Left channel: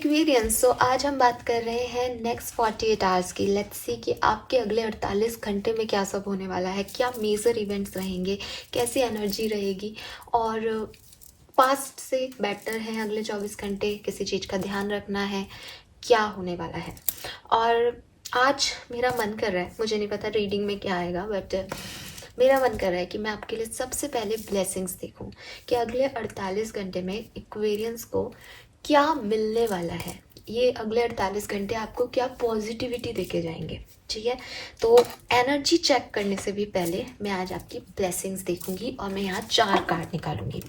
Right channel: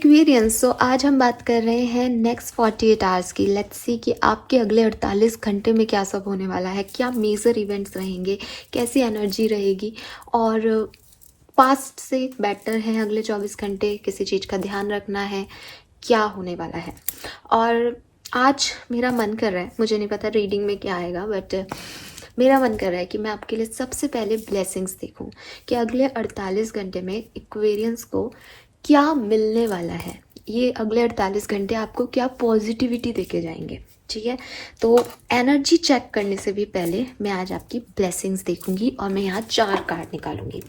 Aquarians. सो आज हम बात कर रहे हैं नेक्स्ट 48 आवर्स की। लेट्स सी कि आपके अगले 48 घंटे में क्या सब होने वाला है, क्या मेजर इवेंट्स रहेंगे, कैसी एनर्जी रहेगी और पास्ट से बेटर है अगले 24 घंटे, किसी चीज़ का ध्यान रखना है, क्या होने वाला है। और आज मेरा मन कर रहा है, मुझे नहीं पता रीडिंग में क्या आएगा, बट मेरा मन कर रहा है कि मैं आपके लिए सबसे पहले ब्लेसिंग्स देखूं कि अगले 48 घंटे में एक्वेरियंस को क्या मिलने वाला है। ये अगले 48 घंटे आपको क्या पॉजिटिविटी देके जाएंगे, ठीक है। तो एनर्जी चेक करने से भी पहले मैं आज आपकी ब्लेसिंग्स देखूंगी और मैं यहाँ 4 कार्ड निकालूंगी।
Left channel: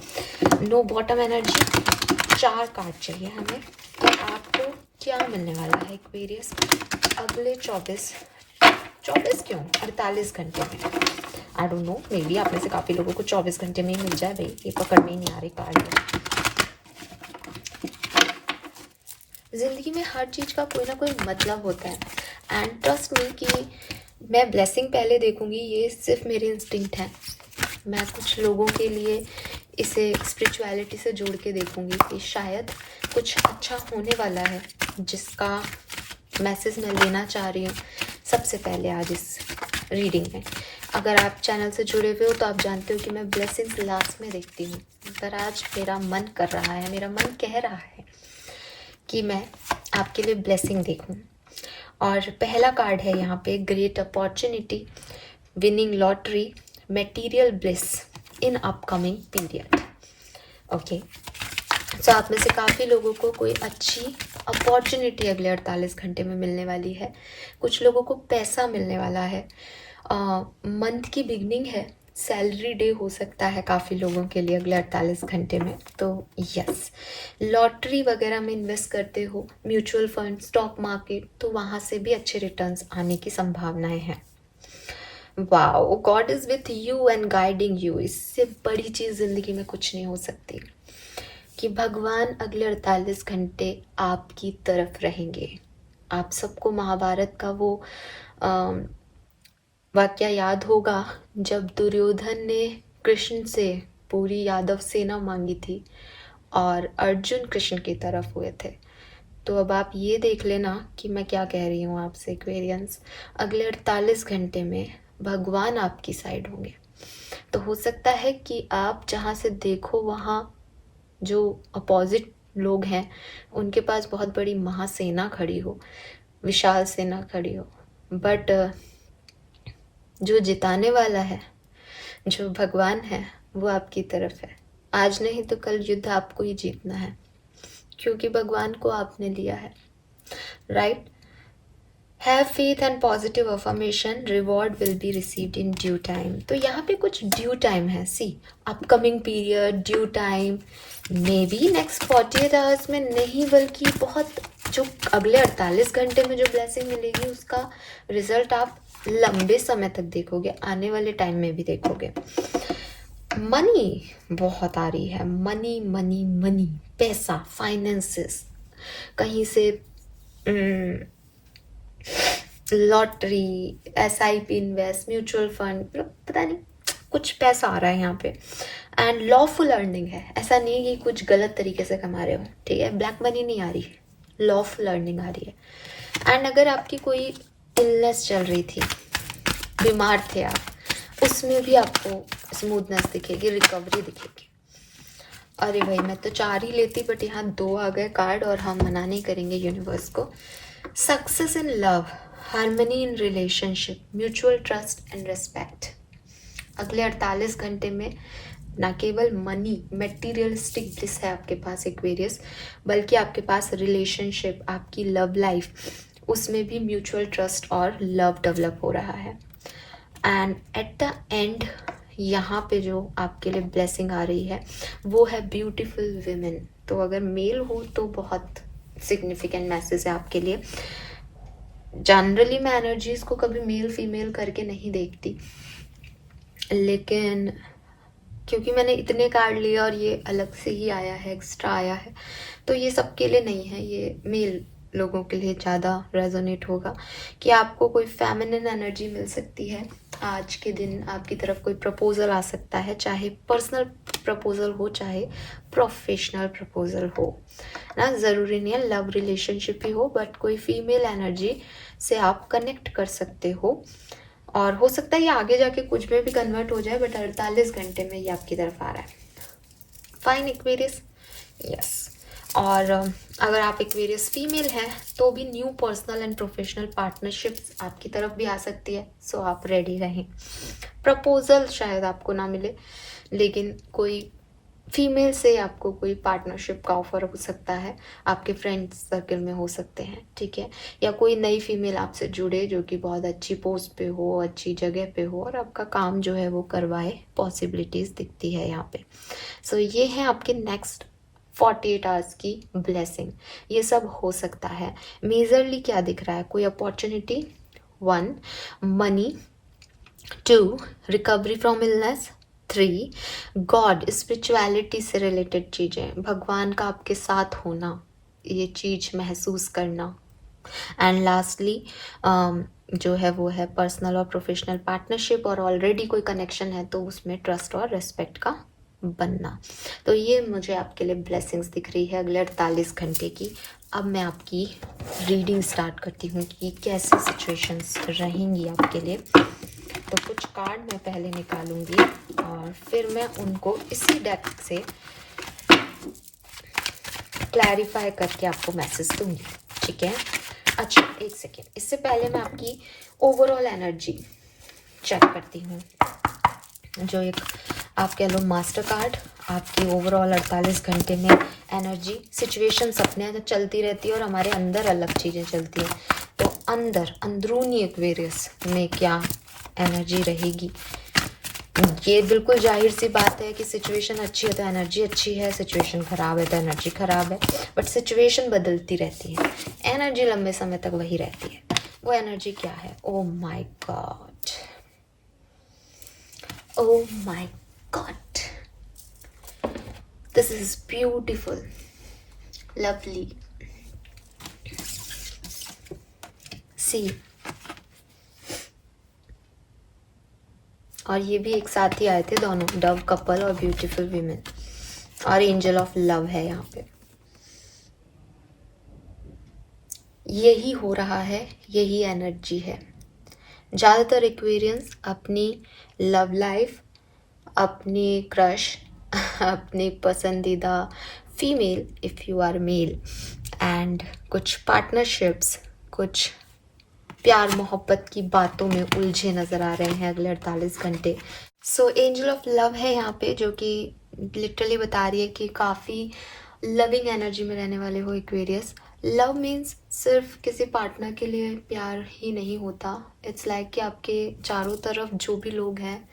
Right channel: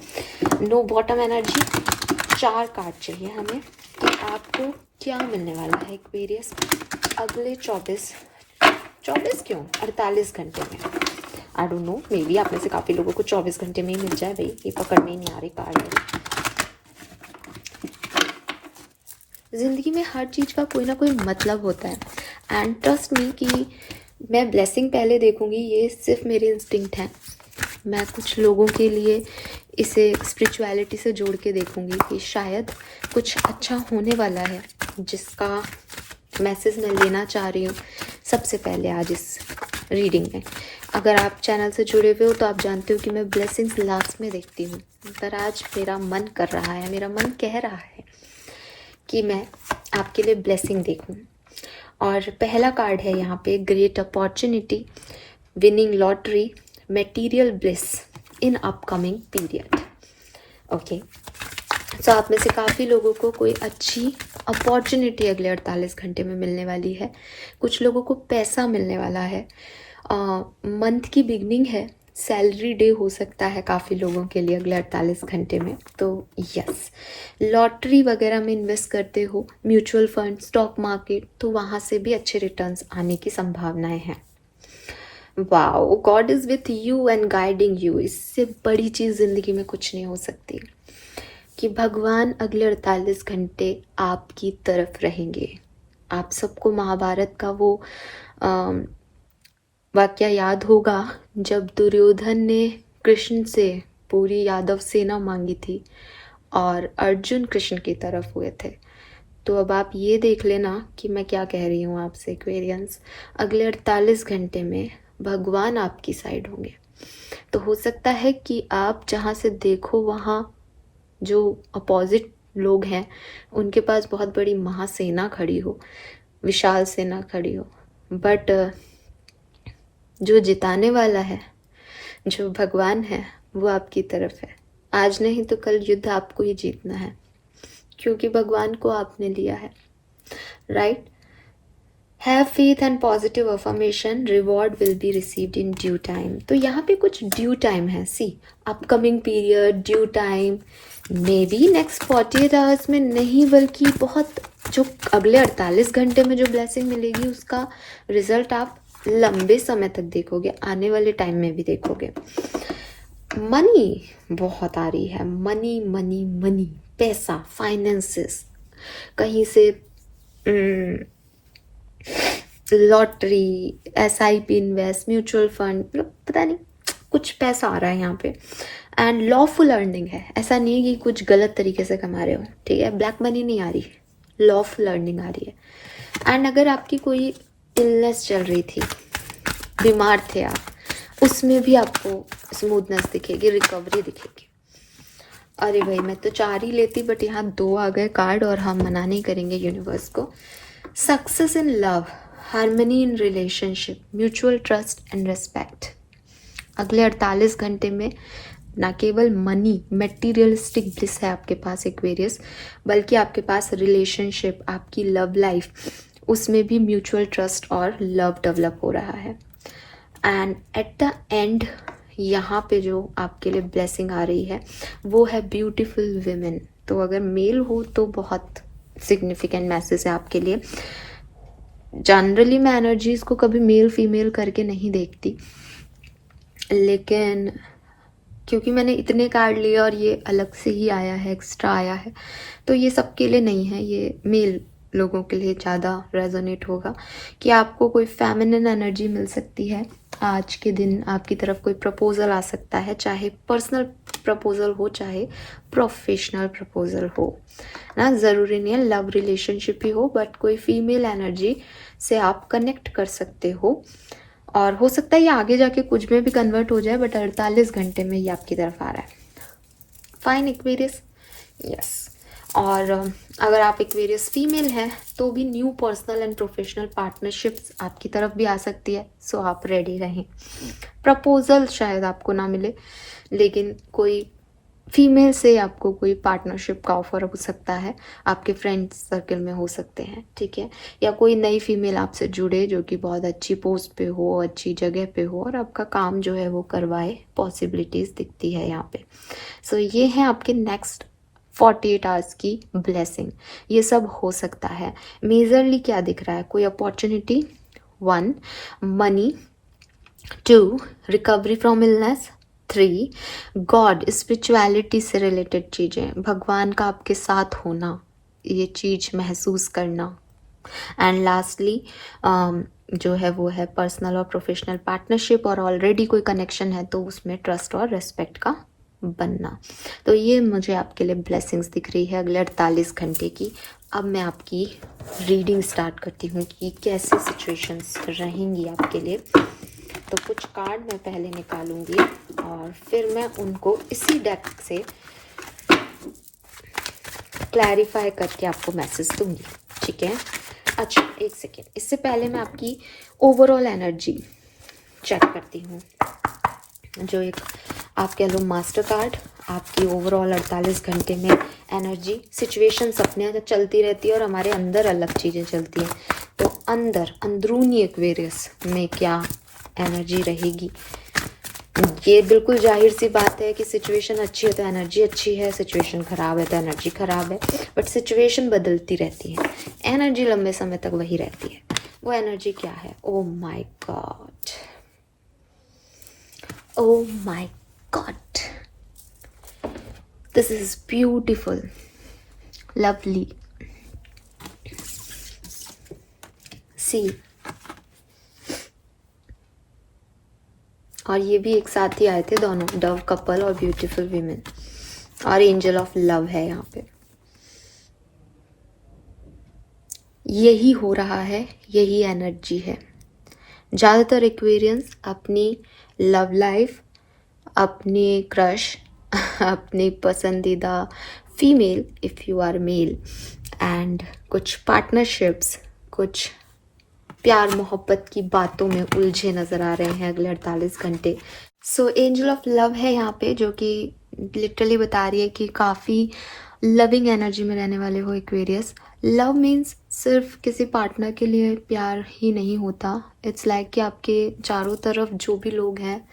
नो बॉटम एनर्जी, 4 कार्ड चाहिए हमें। तो आपको क्या मिलने वाला है एक्वेरियस अगले 24 क्यों 48 घंटे में। I don't know, may be आप में से काफ़ी लोगों को 24 घंटे में ही मिल जाए। भाई ये पकड़ में नहीं आ रही कार्ड। जिंदगी में हर चीज़ का कोई ना कोई मतलब होता है एंड ट्रस्ट मी कि मैं ब्लेसिंग पहले देखूंगी, ये सिर्फ मेरी इंस्टिंक्ट है। मैं कुछ लोगों के लिए इसे स्पिरिचुअलिटी से जोड़ के देखूंगी कि शायद कुछ अच्छा होने वाला है जिसका मैसेज मैं लेना चाह रही हूँ सबसे पहले आज इस रीडिंग में। अगर आप चैनल से जुड़े हुए हो तो आप जानते हो कि मैं ब्लेसिंग्स लास्ट में देखती हूँ, पर आज मेरा मन कर रहा है, मेरा मन कह रहा है कि मैं आपके लिए ब्लेसिंग देखूं। और पहला कार्ड है यहाँ पे great opportunity, winning lottery, material bliss in upcoming period. Okay, so आप में से काफ़ी लोगों को कोई अच्छी अपॉर्चुनिटी अगले 48 घंटे में मिलने वाली है। कुछ लोगों को पैसा मिलने वाला है। मंथ की बिगनिंग है, सैलरी डे हो सकता है काफ़ी लोगों के लिए अगले 48 घंटे में। तो यस, लॉटरी वगैरह में इन्वेस्ट करते हो, म्यूचुअल फंड, स्टॉक मार्केट, तो वहाँ से भी अच्छे रिटर्न्स आने की संभावनाएं हैं। Wow, God is with you and guiding you. इससे बड़ी चीज़ जिंदगी में कुछ नहीं हो सकती कि भगवान अगले 48 घंटे आपकी तरफ रहेंगे। आप सबको महाभारत का वो वाक्य याद होगा जब दुर्योधन ने कृष्ण से पूरी यादव सेना मांगी थी और अर्जुन कृष्ण की तरफ हुए थे। तो अब आप ये देख लेना कि मैं क्या कह रही हूँ आपसे एक्वेरियंस। अगले 48 घंटे में भगवान आपकी साइड होंगे। तो हो सकता है कि आप जहाँ से देखो वहाँ जो अपोजिट लोग हैं उनके पास बहुत बड़ी महासेना खड़ी हो, विशाल सेना खड़ी हो, बट जो जिताने वाला है, जो भगवान है, वो आपकी तरफ है। आज नहीं तो कल युद्ध आपको ही जीतना है, क्योंकि भगवान को आपने लिया है, right. Have faith and positive affirmation, reward will be received in due time. तो यहाँ पे कुछ ड्यू टाइम है, see upcoming period, due time, may be next 48 hours में नहीं, बल्कि बहुत जो अगले 48 घंटे में जो ब्लेसिंग मिलेगी उसका रिजल्ट आप लंबे समय तक देखोगे, आने वाले टाइम में भी देखोगे। मनी बहुत आ रही है, मनी मनी मनी, पैसा, फाइनेंसेस, कहीं से lottery, SIP invest, mutual fund, पता नहीं कुछ पैसा आ रहा है यहाँ पे। एंड लॉफुल अर्निंग है, ऐसा नहीं कि कुछ गलत तरीके से कमा रहे हो, ठीक है। ब्लैक मनी नहीं आ रही है, लॉफुल अर्निंग आ रही है। एंड अगर आपकी कोई इलनेस चल रही थी, बीमार थे आप, उसमें भी आपको स्मूथनेस दिखेगी, रिकवरी दिखेगी। अरे भाई, मैं तो 4 ही लेती, बट यहाँ 2 आ गए कार्ड और हम मना नहीं करेंगे यूनिवर्स को। Success in love, harmony in relationship, mutual trust and respect. अगले 48 घंटे में ना केवल मनी, मेटीरियलिस्टिक ब्लिस है आपके पास एक्वेरियस, बल्कि आपके पास रिलेशनशिप, आपकी लव लाइफ, उसमें भी म्यूचुअल ट्रस्ट और लव डेवलप हो रहा है। एंड एट द एंड यहाँ पे जो आपके लिए ब्लेसिंग आ रही है वो है ब्यूटीफुल विमेन। तो अगर मेल हो तो बहुत सिग्निफिकेंट मैसेज है आपके लिए। जनरली मैं एनर्जीज को कभी मेल फीमेल करके नहीं देखती, लेकिन क्योंकि मैंने इतने कार्ड लिए और ये अलग से ही आया है, एक्स्ट्रा आया है, तो ये सबके लिए नहीं है, ये मेल लोगों के लिए ज़्यादा रेजोनेट होगा कि आपको कोई फेमिनिन एनर्जी मिल सकती है। आज के दिन आपकी तरफ कोई प्रपोजल आ सकता है, चाहे पर्सनल प्रपोजल हो चाहे प्रोफेशनल प्रपोजल हो ना, ज़रूरी नहीं है लव रिलेशनशिप ही हो, बट कोई फीमेल एनर्जी से आप कनेक्ट कर सकते हो और हो सकता है ये आगे जाके कुछ में भी कन्वर्ट हो जाए, बट 48 घंटे में ये आपकी तरफ आ रहा है। Fine Aquarius, yes. और अगर आप एक्वेरियस फीमेल हैं तो भी new personal and professional partnerships आपकी तरफ भी आ सकती है, सो आप रेडी रहें। प्रपोजल शायद आपको ना मिले, लेकिन कोई फीमेल से आपको कोई पार्टनरशिप का ऑफर हो सकता है, आपके फ्रेंड्स सर्कल में हो सकते हैं, ठीक है, या कोई नई फीमेल आपसे जुड़े जो कि बहुत अच्छी पोस्ट पे हो, अच्छी जगह पे हो और आपका काम जो है वो करवाए, पॉसिबिलिटीज़ दिखती है यहाँ पे। सो ये है आपके नेक्स्ट 48 आवर्स की ब्लेसिंग। ये सब हो सकता है। मेजरली क्या दिख रहा है? कोई opportunity, 1 money, 2 recovery from illness, 3 God, spirituality से रिलेटेड चीज़ें, भगवान का आपके साथ होना, ये चीज़ महसूस करना, एंड लास्टली जो है वो है पर्सनल और प्रोफेशनल पार्टनरशिप, और ऑलरेडी कोई कनेक्शन है तो उसमें ट्रस्ट और रिस्पेक्ट का बनना। तो ये मुझे आपके लिए ब्लेसिंग्स दिख रही है अगले 48 घंटे की। अब मैं आपकी रीडिंग स्टार्ट करती हूँ कि कैसी सिचुएशंस रहेंगी आपके लिए। तो कुछ कार्ड मैं पहले निकालूंगी और फिर मैं उनको इसी डेक से क्लैरिफाई करके आपको मैसेज दूंगी, ठीक है। अच्छा, एक सेकेंड, इससे पहले मैं आपकी ओवरऑल एनर्जी चेक करती हूँ। जो एक आप कह लो मास्टर कार्ड, आपकी ओवरऑल 48 घंटे में एनर्जी, सिचुएशन अपने अंदर चलती रहती है और हमारे अंदर अलग चीज़ें चलती हैं, तो अंदर अंदरूनी एक्वेरियस में क्या एनर्जी रहेगी। ये बिल्कुल जाहिर सी बात है कि सिचुएशन अच्छी है तो एनर्जी अच्छी है, सिचुएशन खराब है तो एनर्जी खराब है, बट सिचुएशन बदलती रहती है, एनर्जी लंबे समय तक वही रहती है। वो एनर्जी क्या है? Oh my God, oh my god, this is beautiful, lovely, see, और ये भी एक साथ ही आए थे दोनों, डव कपल और ब्यूटीफुल वीमेन, और एंजल ऑफ लव है यहाँ पे। यही हो रहा है, यही एनर्जी है। ज़्यादातर एक्वेरियंस अपनी लव लाइफ, अपने क्रश, अपनी पसंदीदा female if you are male, and कुछ पार्टनरशिप्स, कुछ प्यार मोहब्बत की बातों में उलझे नज़र आ रहे हैं अगले 48 घंटे। सो एंजल ऑफ लव है यहाँ पे, जो कि लिटरली बता रही है कि काफ़ी लविंग एनर्जी में रहने वाले हो एक्वेरियस। लव मीन्स सिर्फ किसी पार्टनर के लिए प्यार ही नहीं होता, इट्स लाइक कि आपके चारों तरफ जो भी लोग हैं,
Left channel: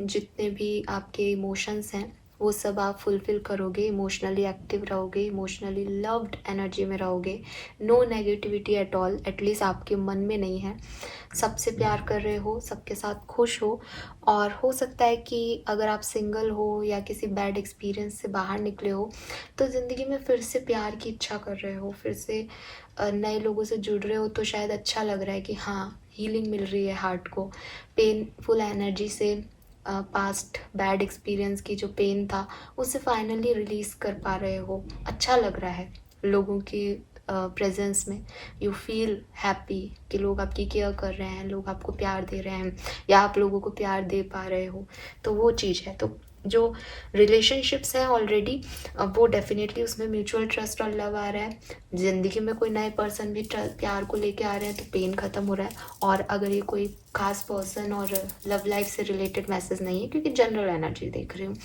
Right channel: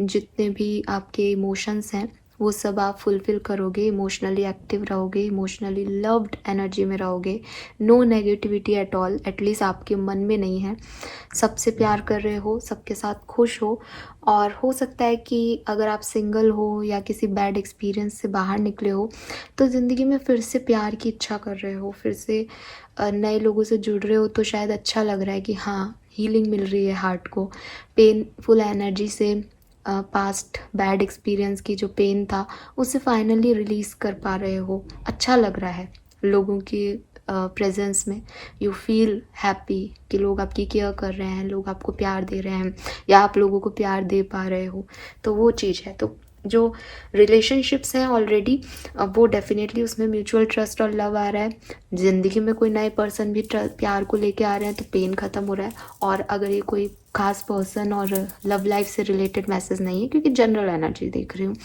जितने भी आपके इमोशंस हैं, वो सब आप फुलफिल करोगे, इमोशनली एक्टिव रहोगे, इमोशनली लव्ड एनर्जी में रहोगे, no negativity at all, at least आपके मन में नहीं है, सबसे प्यार कर रहे हो, सबके साथ खुश हो। और हो सकता है कि अगर आप सिंगल हो या किसी बैड एक्सपीरियंस से बाहर निकले हो तो ज़िंदगी में फिर से प्यार की इच्छा कर रहे हो, फिर से नए लोगों से जुड़ रहे हो, तो शायद अच्छा लग रहा है कि हाँ, हीलिंग मिल रही है हार्ट को, पेनफुल एनर्जी से, पास्ट बैड एक्सपीरियंस की जो पेन था उसे फाइनली रिलीज़ कर पा रहे हो, अच्छा लग रहा है लोगों की प्रेजेंस में, यू फील हैप्पी कि लोग आपकी केयर कर रहे हैं, लोग आपको प्यार दे रहे हैं या आप लोगों को प्यार दे पा रहे हो, तो वो चीज़ है। तो जो रिलेशनशिप्स हैं ऑलरेडी, वो डेफिनेटली उसमें म्यूचुअल ट्रस्ट और लव आ रहा है। ज़िंदगी में कोई नए पर्सन भी प्यार को लेके आ रहे हैं तो पेन ख़त्म हो रहा है। और अगर ये कोई खास पर्सन और लव लाइफ से रिलेटेड मैसेज नहीं है, क्योंकि जनरल एनर्जी देख रही हूँ,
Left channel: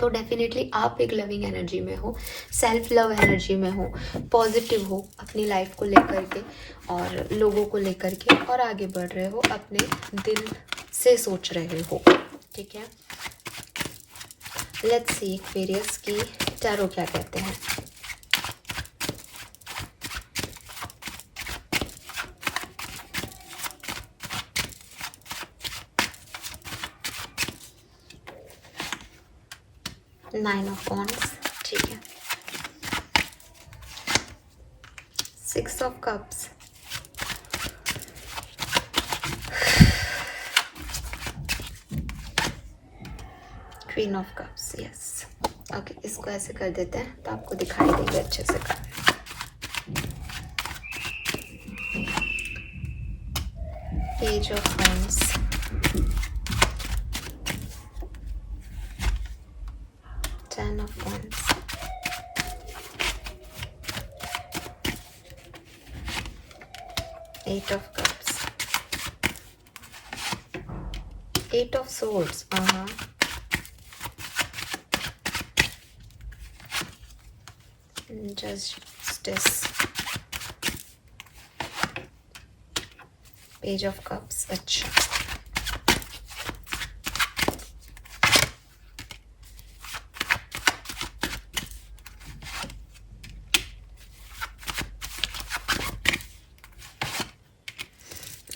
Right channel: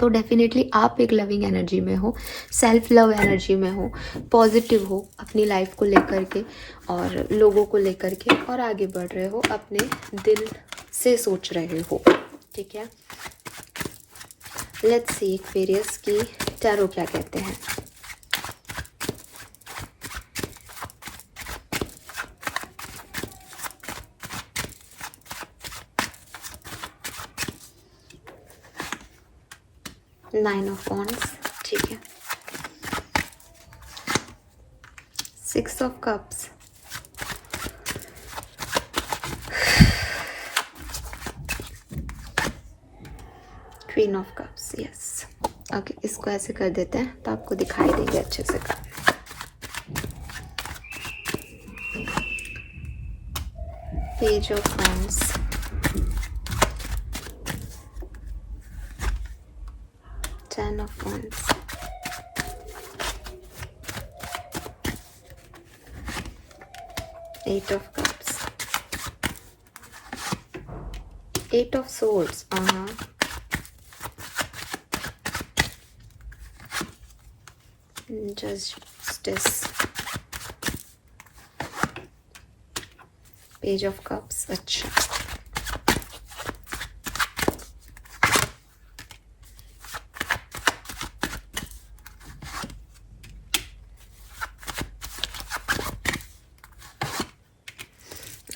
तो डेफिनेटली आप एक लविंग एनर्जी में हो, सेल्फ लव एनर्जी में हो, पॉजिटिव हो अपनी लाइफ को लेकर के और लोगों को लेकर के, और आगे बढ़ रहे हो, अपने दिल से सोच रहे हो, ठीक है। लेट्स सी एक्वेरियस की टैरो क्या कहते हैं। नाइन ऑफ वॉन्ड्स, ठीक है। 6 of Cups, Queen of Cups, yes. Okay, इसको ऐसे कर देते हैं तो आपको दिखाई देगी अच्छे से। Page of Wands, Ten of Wands, Eight of Cups, Eight of Swords, Justice, Page of Cups, अच्छा।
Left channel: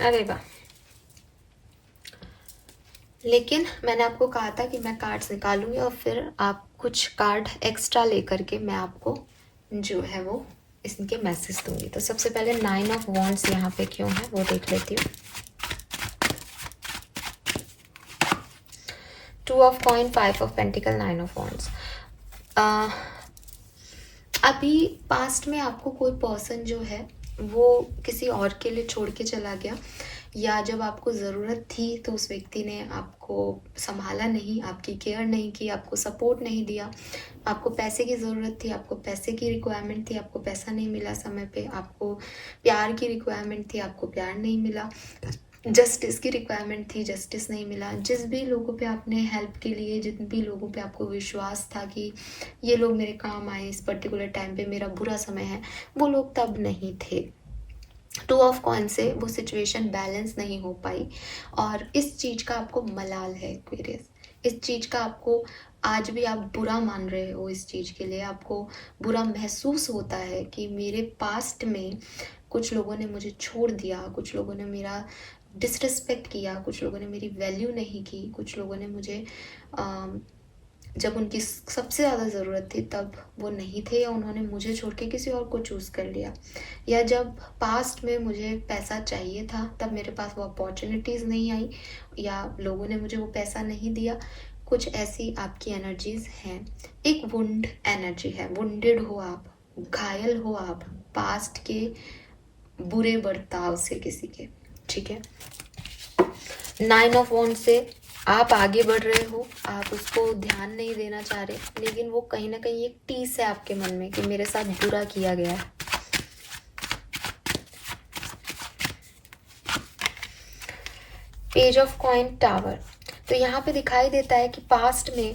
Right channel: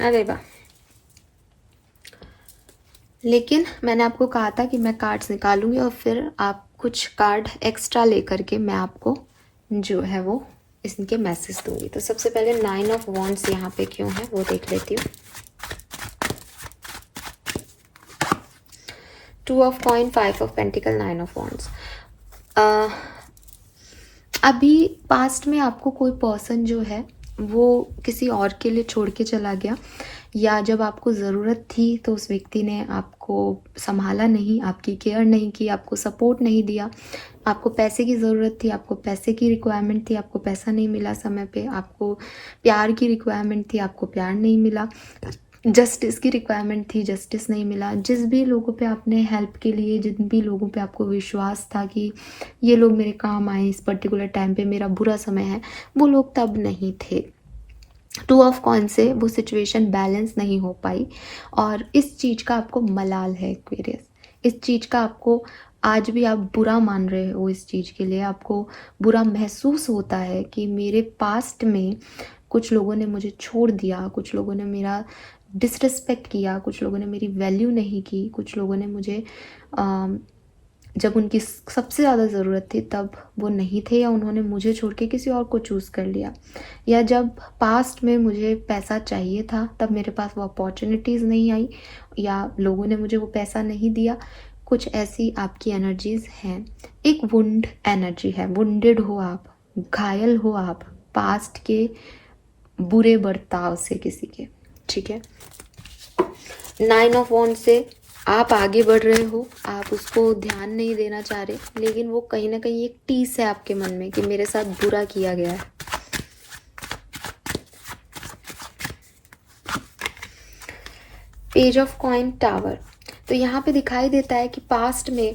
अरे वाह, लेकिन मैंने आपको कहा था कि मैं कार्ड्स निकालूंगी और फिर आप कुछ कार्ड एक्स्ट्रा लेकर के मैं आपको जो है वो इनके मैसेज दूंगी। तो सबसे पहले 9 ऑफ वॉन्ड्स यहाँ पे क्यों है वो देख लेती हूँ। 2 of coin, 5 of pentacle, 9 of wands. अभी पास्ट में आपको कोई पर्सन जो है वो किसी और के लिए छोड़ के चला गया, या जब आपको ज़रूरत थी तो उस व्यक्ति ने आपको संभाला नहीं, आपकी केयर नहीं की, आपको सपोर्ट नहीं दिया। आपको पैसे की ज़रूरत थी, आपको पैसे की रिक्वायरमेंट थी, आपको पैसा नहीं मिला समय पे। आपको प्यार की रिक्वायरमेंट थी, आपको प्यार नहीं मिला। जस्टिस की रिक्वायरमेंट थी, जस्टिस नहीं मिला। जिस भी लोगों पे आपने हेल्प के लिए, जिन भी लोगों पे आपको विश्वास था कि ये लोग मेरे काम आए इस पर्टिकुलर टाइम पे, मेरा बुरा समय है, वो लोग तब नहीं थे। 2 ऑफ कॉइन से वो सिचुएशन बैलेंस नहीं हो पाई और इस चीज़ का आपको मलाल है एक्वेरियस। इस चीज़ का आपको आज भी आप बुरा मान रहे हो, इस चीज़ के लिए आपको बुरा महसूस होता है कि मेरे पास्ट में कुछ लोगों ने मुझे छोड़ दिया, कुछ लोगों ने मेरा डिसरिस्पेक्ट किया, कुछ लोगों ने मेरी वैल्यू नहीं की, कुछ लोगों ने मुझे जब उनकी सबसे ज़्यादा ज़रूरत थी तब वो नहीं थे, या उन्होंने मुझे छोड़ के किसी और को चूज़ कर लिया, या जब पास्ट में मुझे पैसा चाहिए था तब मेरे पास वो अपॉर्चुनिटीज़ नहीं आई, या लोगों ने मुझे वो पैसा नहीं दिया। कुछ ऐसी आपकी एनर्जीज़ हैं। एक वुंड एनर्जी है, वुंडेड हो आप, घायल हो आप पास्ट के बुरे बर्ताव से किसी के, ठीक है। 9 ऑफ वॉन्ड से आप आगे बढ़ रहे हो, आप उसको ध्यान नहीं देना चाह रहे, लेकिन वो कहीं ना कहीं एक टीस है आपके मन में कि मेरे साथ बुरा किया गया है। Page of coin, tower. तो यहाँ पे दिखाई देता है कि पास्ट में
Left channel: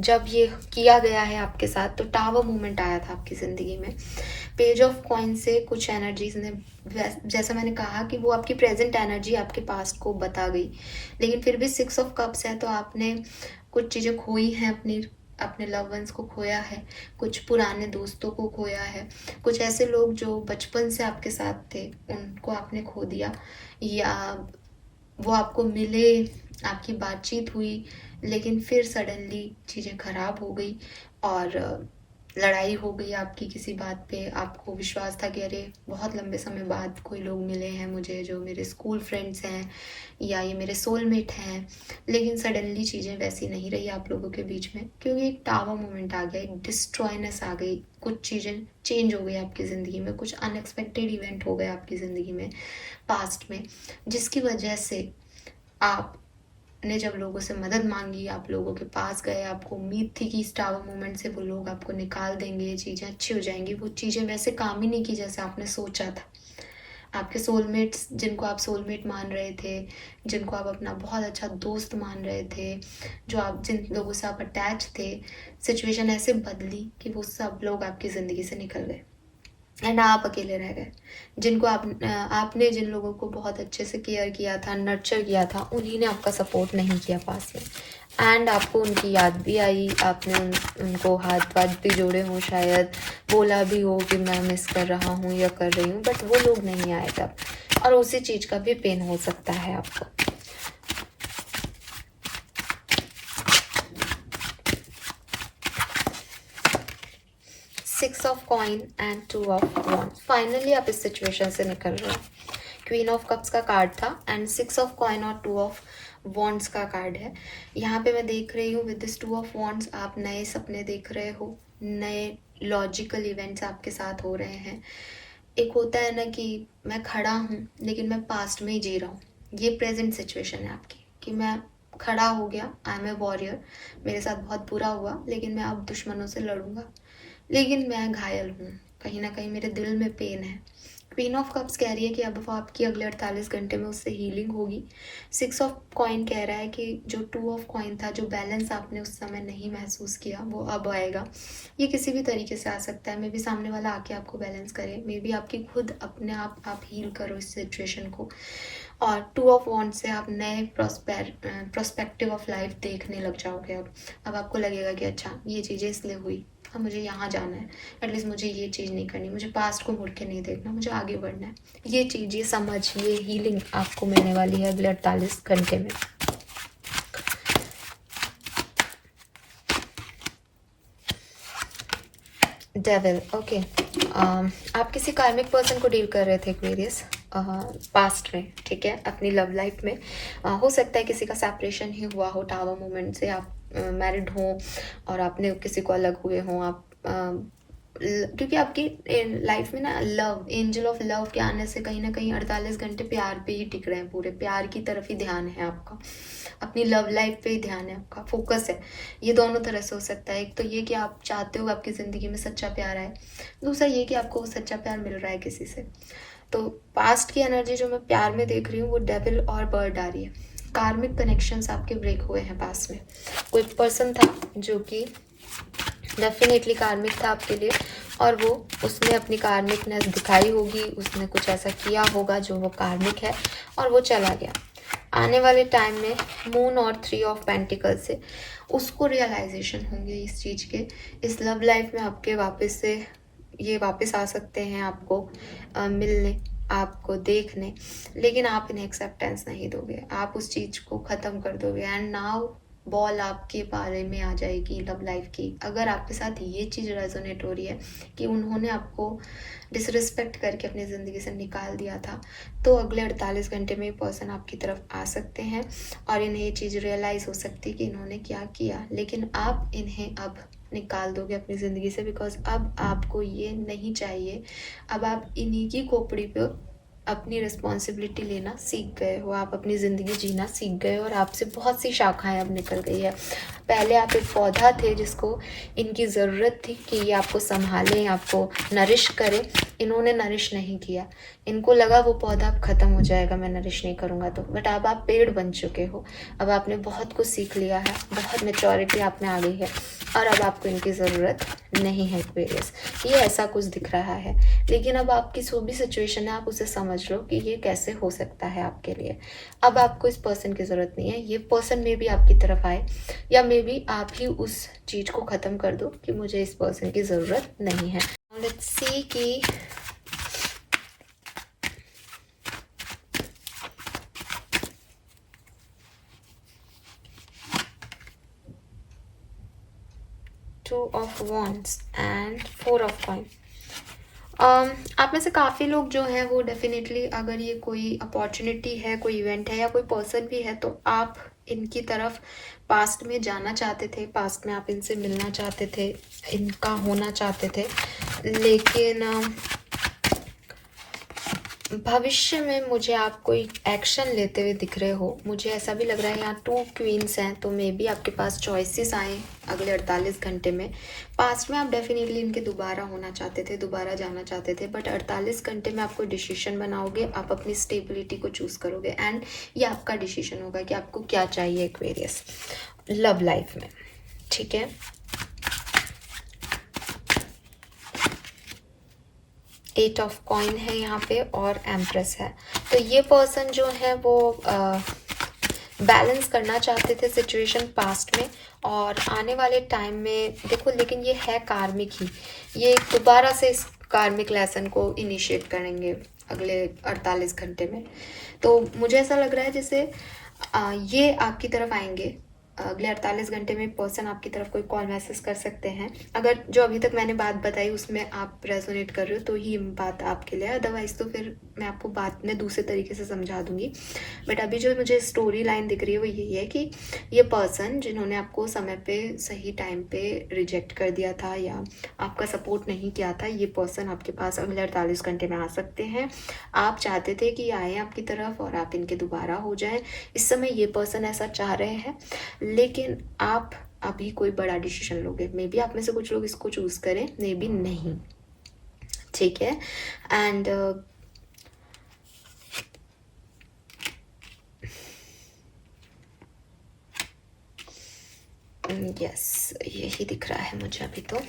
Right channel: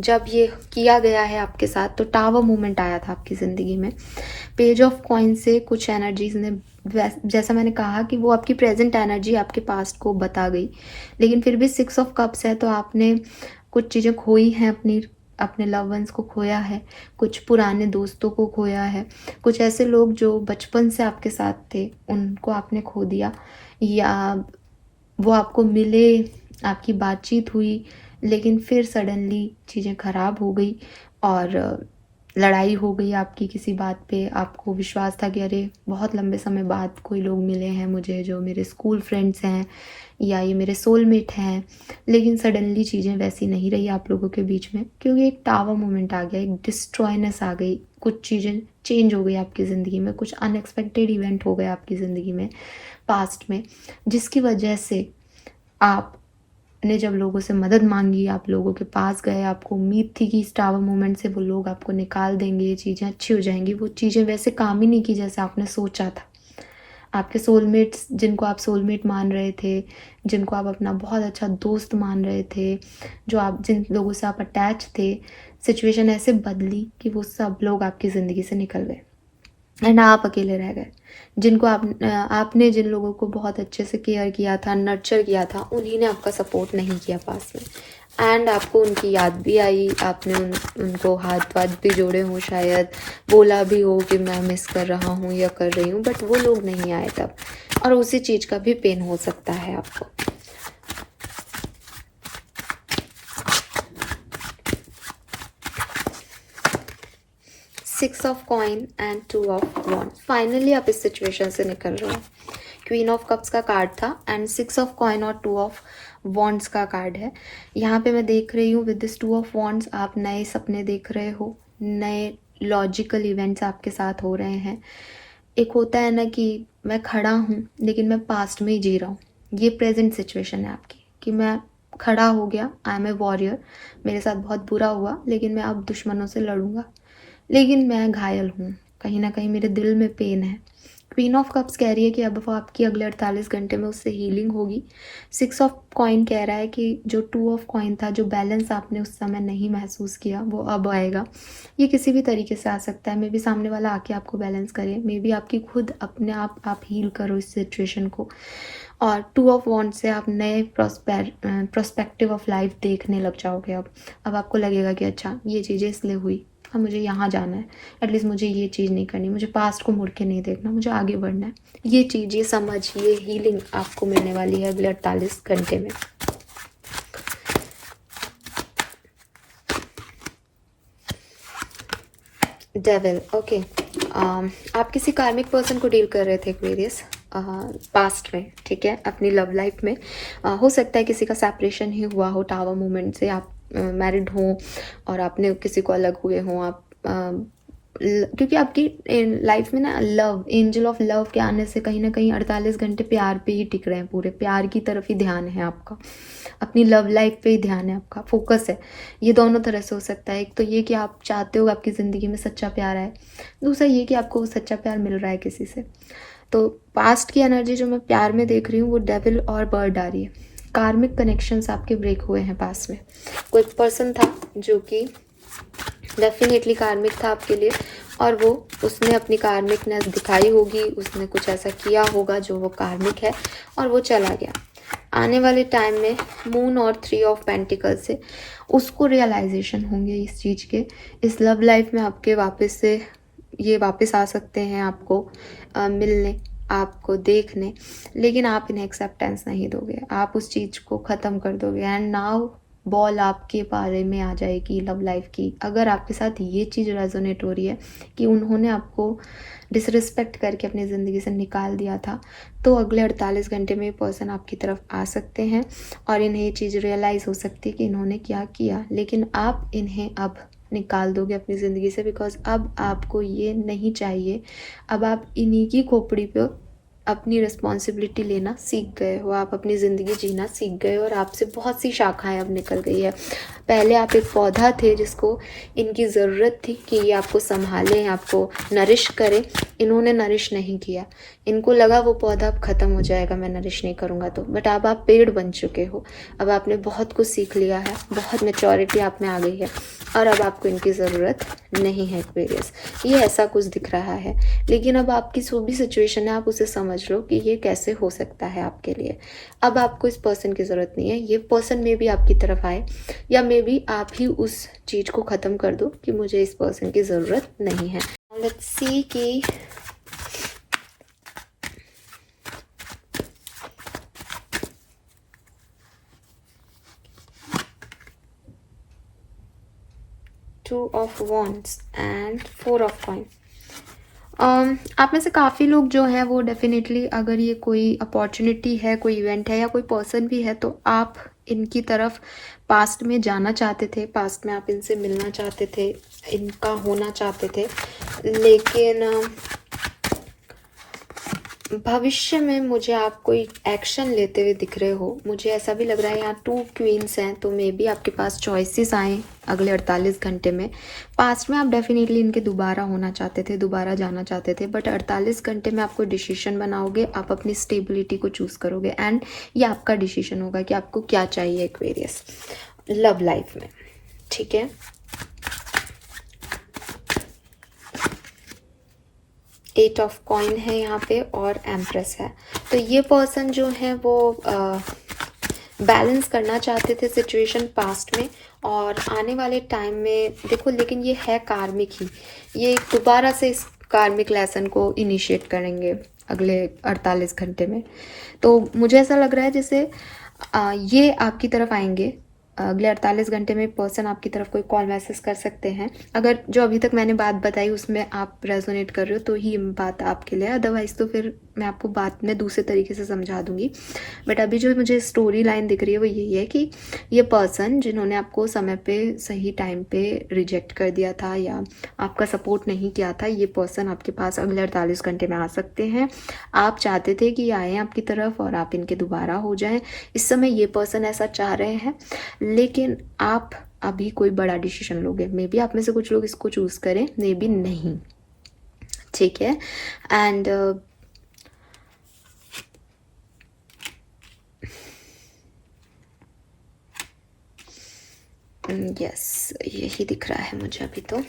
जब ये किया गया है आपके साथ तो टावर मूवमेंट आया था आपकी ज़िंदगी में। पेज ऑफ कॉइन से कुछ एनर्जीज ने, जैसा मैंने कहा कि वो आपकी प्रेजेंट एनर्जी आपके पास्ट को बता गई, लेकिन फिर भी 6 ऑफ कप्स है तो आपने कुछ चीज़ें खोई हैं, अपने लव वंस को खोया है, कुछ पुराने दोस्तों को खोया है, कुछ ऐसे लोग जो बचपन से आपके साथ थे उनको आपने खो दिया, या वो आपको मिले, आपकी बातचीत हुई, लेकिन फिर सडनली चीज़ें ख़राब हो गई और लड़ाई हो गई आपकी किसी बात पे। आपको विश्वास था कि अरे बहुत लंबे समय बाद कोई लोग मिले हैं मुझे जो मेरे स्कूल फ्रेंड्स हैं या ये मेरे सोलमेट हैं, लेकिन सडनली चीज़ें वैसी नहीं रही आप लोगों के बीच में, क्योंकि एक टावर मोमेंट आ गया, एक डिस्ट्रॉयनेस आ गई, कुछ चीज़ें चेंज हो गई आपकी ज़िंदगी में, कुछ अनएक्सपेक्टेड इवेंट हो गए आपकी ज़िंदगी में पास्ट में, जिसकी वजह से आपने जब लोगों से मदद मांगी, आप लोगों के पास गए, आपको उम्मीद थी कि इस टावर मोमेंट से वो लोग आपको निकाल देंगे, ये चीज़ें अच्छी हो जाएंगी, वो चीज़ें वैसे काम ही नहीं की जैसे आपने सोचा था। आपके सोलमेट्स, जिनको आप सोलमेट मान रहे थे, जिनको आप अपना बहुत अच्छा दोस्त मान रहे थे, जिन लोगों से आप अटैच थे, सिचुएशन ऐसे बदली कि वो सब लोग आपकी ज़िंदगी से निकल गए एंड आप अकेले रह गए। जिनको आपने जिन लोगों को बहुत अच्छे से केयर किया था, नर्चर किया था, उन्हीं ने आपका सपोर्ट नहीं किया पास में, एंड आपको उनकी याद भी आई, आपने उनको हाथ भी जोड़े हों, शायद बोला भी हो कि मैं मिस कर रहा हूँ या कर रही हूँ, बट वो लोग नहीं आए तब, और उसी चीज़ का भी पेन हो सकता है आपको। Six of coin and 2 of wands. Finally आप इस सिचुएशन से निकल रहे हो। क्वीन ऑफ कप्स का कार्ड था एंड 6 ऑफ कॉइन और 2 ऑफ वॉन्ड्स का कार्ड है। यहाँ पे मैं देख रही हूँ विद दिस 2 ऑफ वॉन्ड्स आप नए सपने देख रहे हो, नए लॉजिकल इवेंट्स आपके साथ हो रहे हैं। एक होता है ना कि मैं खड़ा हूँ लेकिन मैं पास्ट में ही जी रहा हूँ, ये प्रेजेंट सिचुएशन है आपकी कि मैं खड़ा हो गया, आई एम ए वॉरियर, मेरे साथ बहुत बुरा हुआ लेकिन मैं अब दुश्मनों से लड़ूंगा, लेकिन मैं घायल हूँ, कहीं ना कहीं मेरे दिल में पेन है। क्वीन ऑफ कप्स कह रही है कि अब वो आपकी अगले 48 घंटे में उससे हीलिंग होगी। 6 ऑफ कॉइन कह रहा है कि जो 2 ऑफ कॉइन था, जो बैलेंस आपने उस समय नहीं महसूस किया, वो अब आएगा। ये किसी भी तरीके से आ सकता है, मे बी सामने वाला आके आपको बैलेंस करे, मे बी आपकी खुद अपने आप हील करो इस सिचुएशन को। और 2 ऑफ वॉन्ड से आप नए प्रोस्पेक्टिव ऑफ लाइफ देखने लग जाओगे। अब आपको लगेगा कि अच्छा ये चीज़ें इसलिए हुई, अब मुझे यहाँ जाना है, एटलीस्ट मुझे ये चीज़ नहीं करनी, मुझे पास्ट को मुड़ के नहीं देखना, मुझे आगे बढ़ना है। ये चीज़, ये समझ, ये हीलिंग आपको मिलने वाली है अगले 48 घंटे में। Devil, okay. आप किसी कार्मिक पर्सन को डील कर रहे थे एक्वेरियस पास्ट में, ठीक है, अपनी लव लाइफ में। हो सकता है किसी का सेपरेशन ही हुआ हो, टावर मूवमेंट से आप मैरिड हों और आपने किसी को अलग हुए हों आप, क्योंकि आपकी लाइफ में ना लव, एंजल ऑफ लव के आने से कहीं ना कहीं 48 घंटे प्यार पे ही टिक रहे हैं, पूरे प्यार की तरफ ही ध्यान है आपका, अपनी लव लाइफ पे ही ध्यान है आपका, फोकस है। ये दोनों तरह से हो सकता है, एक तो ये कि आप चाहते हो आपकी ज़िंदगी में सच्चा प्यार आए, दूसरा ये कि आपको सच्चा प्यार मिल रहा है किसी से। तो पास्ट की एनर्जी जो मैं प्यार में देख रही हूँ वो डेविल और बर्ड आ रही है। कार्मिक कनेक्शंस आपके ब्रेक हुए हैं पास्ट में। कोई पर्सन था जो कि डेफिनेटली कार्मिक था आपके लिए, और वो उसने अपनी कार्मिकनेस दिखाई होगी, उसने कुछ ऐसा किया होगा जो वो कार्मिक है और वो चला गया। आने वाले टाइम में मून और 3 ऑफ पेंटिकल्स से उसको रियलाइजेशन होंगे इस चीज़ के, इस लव लाइफ में आपके वापस से ये वापस आ सकते हैं आपको मिलने, आपको देखने, लेकिन आप इन्हें एक्सेप्टेंस नहीं दोगे, आप उस चीज़ को ख़त्म कर दोगे एंड नाउ बॉल आपके बारे में आ जाएगी लव लाइफ की। अगर आपके साथ ये चीज़ रेजोनेट हो रही है कि उन्होंने आपको डिसरिस्पेक्ट करके अपनी ज़िंदगी से निकाल दिया था, तो अगले 48 घंटे में पर्सन आपकी तरफ आ सकते हैं और इन्हें ये चीज़ रियलाइज़ हो सकती है कि इन्होंने क्या किया, लेकिन आप इन्हें अब निकाल दोगे अपनी ज़िंदगी से, बिकॉज अब आपको ये नहीं चाहिए। अब आप इन्हीं की खोपड़ी पे अपनी रिस्पॉन्सिबिलिटी लेना सीख गए हो, आप अपनी ज़िंदगी जीना सीख गए हो और आपसे बहुत सी शाखाएं अब निकल गई है। पहले आप एक पौधा थे जिसको इनकी ज़रूरत थी कि ये आपको संभालें, आपको नरिश करें, इन्होंने नरिश नहीं किया, इनको लगा वो पौधा अब ख़त्म हो जाएगा मैं नरिश नहीं करूँगा तो, बट अब आप पेड़ बन चुके हो, अब आपने बहुत कुछ सीख लिया है, बहुत मैच्योरिटी आप में आ गई है और अब आपको इनकी ज़रूरत नहीं है एक्वेरियस। ये ऐसा कुछ दिख रहा है, लेकिन अब आपकी जो भी सिचुएशन है आप उसे समझ लो कि ये कैसे हो सकता है आपके लिए। अब आपको इस पर्सन की ज़रूरत नहीं है, ये पर्सन में भी आपकी तरफ आए या मे बी आप ही उस चीज़ को ख़त्म कर दो कि मुझे इस पर्सन की ज़रूरत नहीं है। लेट्स सी कि Two of Wands and 4 of Coins। आप में से काफ़ी लोग जो हैं वो डेफिनेटली, अगर ये कोई अपॉर्चुनिटी है, कोई इवेंट है या कोई पर्सन भी है, तो आप इनकी तरफ पास्ट में जाना चाहते थे, पास्ट में आप इनसे मिलना चाहते थे, इनका होना चाहते थे, लेकिन भविष्य में मुझे आप कोई एक्शन लेते हुए दिख रहे हो। मुझे ऐसा भी लग रहा है यहाँ 2 क्वींस हैं, तो मे बी आपके पास चॉइसेस आए अगले 48 घंटे में। पास्ट में आप डेफिनेटली इनके दोबारा होना चाहते थे, दोबारा जाना चाहते थे, बट 48 घंटे में आप कोई डिसीजन बनाओगे, आप अपनी स्टेबिलिटी को चूज़ करोगे एंड ये आपका डिसीजन होगा कि आपको क्या चाहिए एक्वेरियस लव लाइफ में, ठीक है। एट ऑफ कॉइन है यहाँ पे और एम्प्रेस है। तो ये पर्सन जो है वो बैलेंस करना चाहते थे सिचुएशन पास्ट में और आने वाले टाइम में देखो, लेकिन ये है कार्मिक ही, ये दोबारा से इस कार्मिक लेसन को इनिशिएट करेंगे अगले 48 घंटे में। तो मुझे ऐसा लग रहा है जैसे ये आपकी तरफ आएंगे अगले 48 घंटे में पर्सन आपकी तरफ कोई कॉल मैसेज कर सकते हैं। अगर जो अभी तक मैंने बात बताई उसमें आप रेजोनेट कर रहे हो तो ही बात आपके लिए, अदरवाइज तो फिर मैं आपको बात में दूसरे तरीके से समझा दूंगी। बट अभी जो मुझे स्टोरी लाइन दिख रही है वो यही है कि ये पर्सन जिन्होंने आपको समय पे सही टाइम पे रिजेक्ट कर दिया था या आपका सपोर्ट नहीं किया था, ये पर्सन आपके पास अगले 48 घंटे में आ सकते हैं। आप चाहते थे कि आए आपकी तरफ और आप इनके दोबारा हो जाएं, इस समय ये पर्सन ऐसा चाह रहे हैं, लेकिन आप अभी कोई बड़ा डिसीजन लोगे। मे बी आप में से कुछ लोग इसको चूज करें, मे बी नहीं, ठीक है। एंड यस, यही दिख रहा है मुझे अभी तो।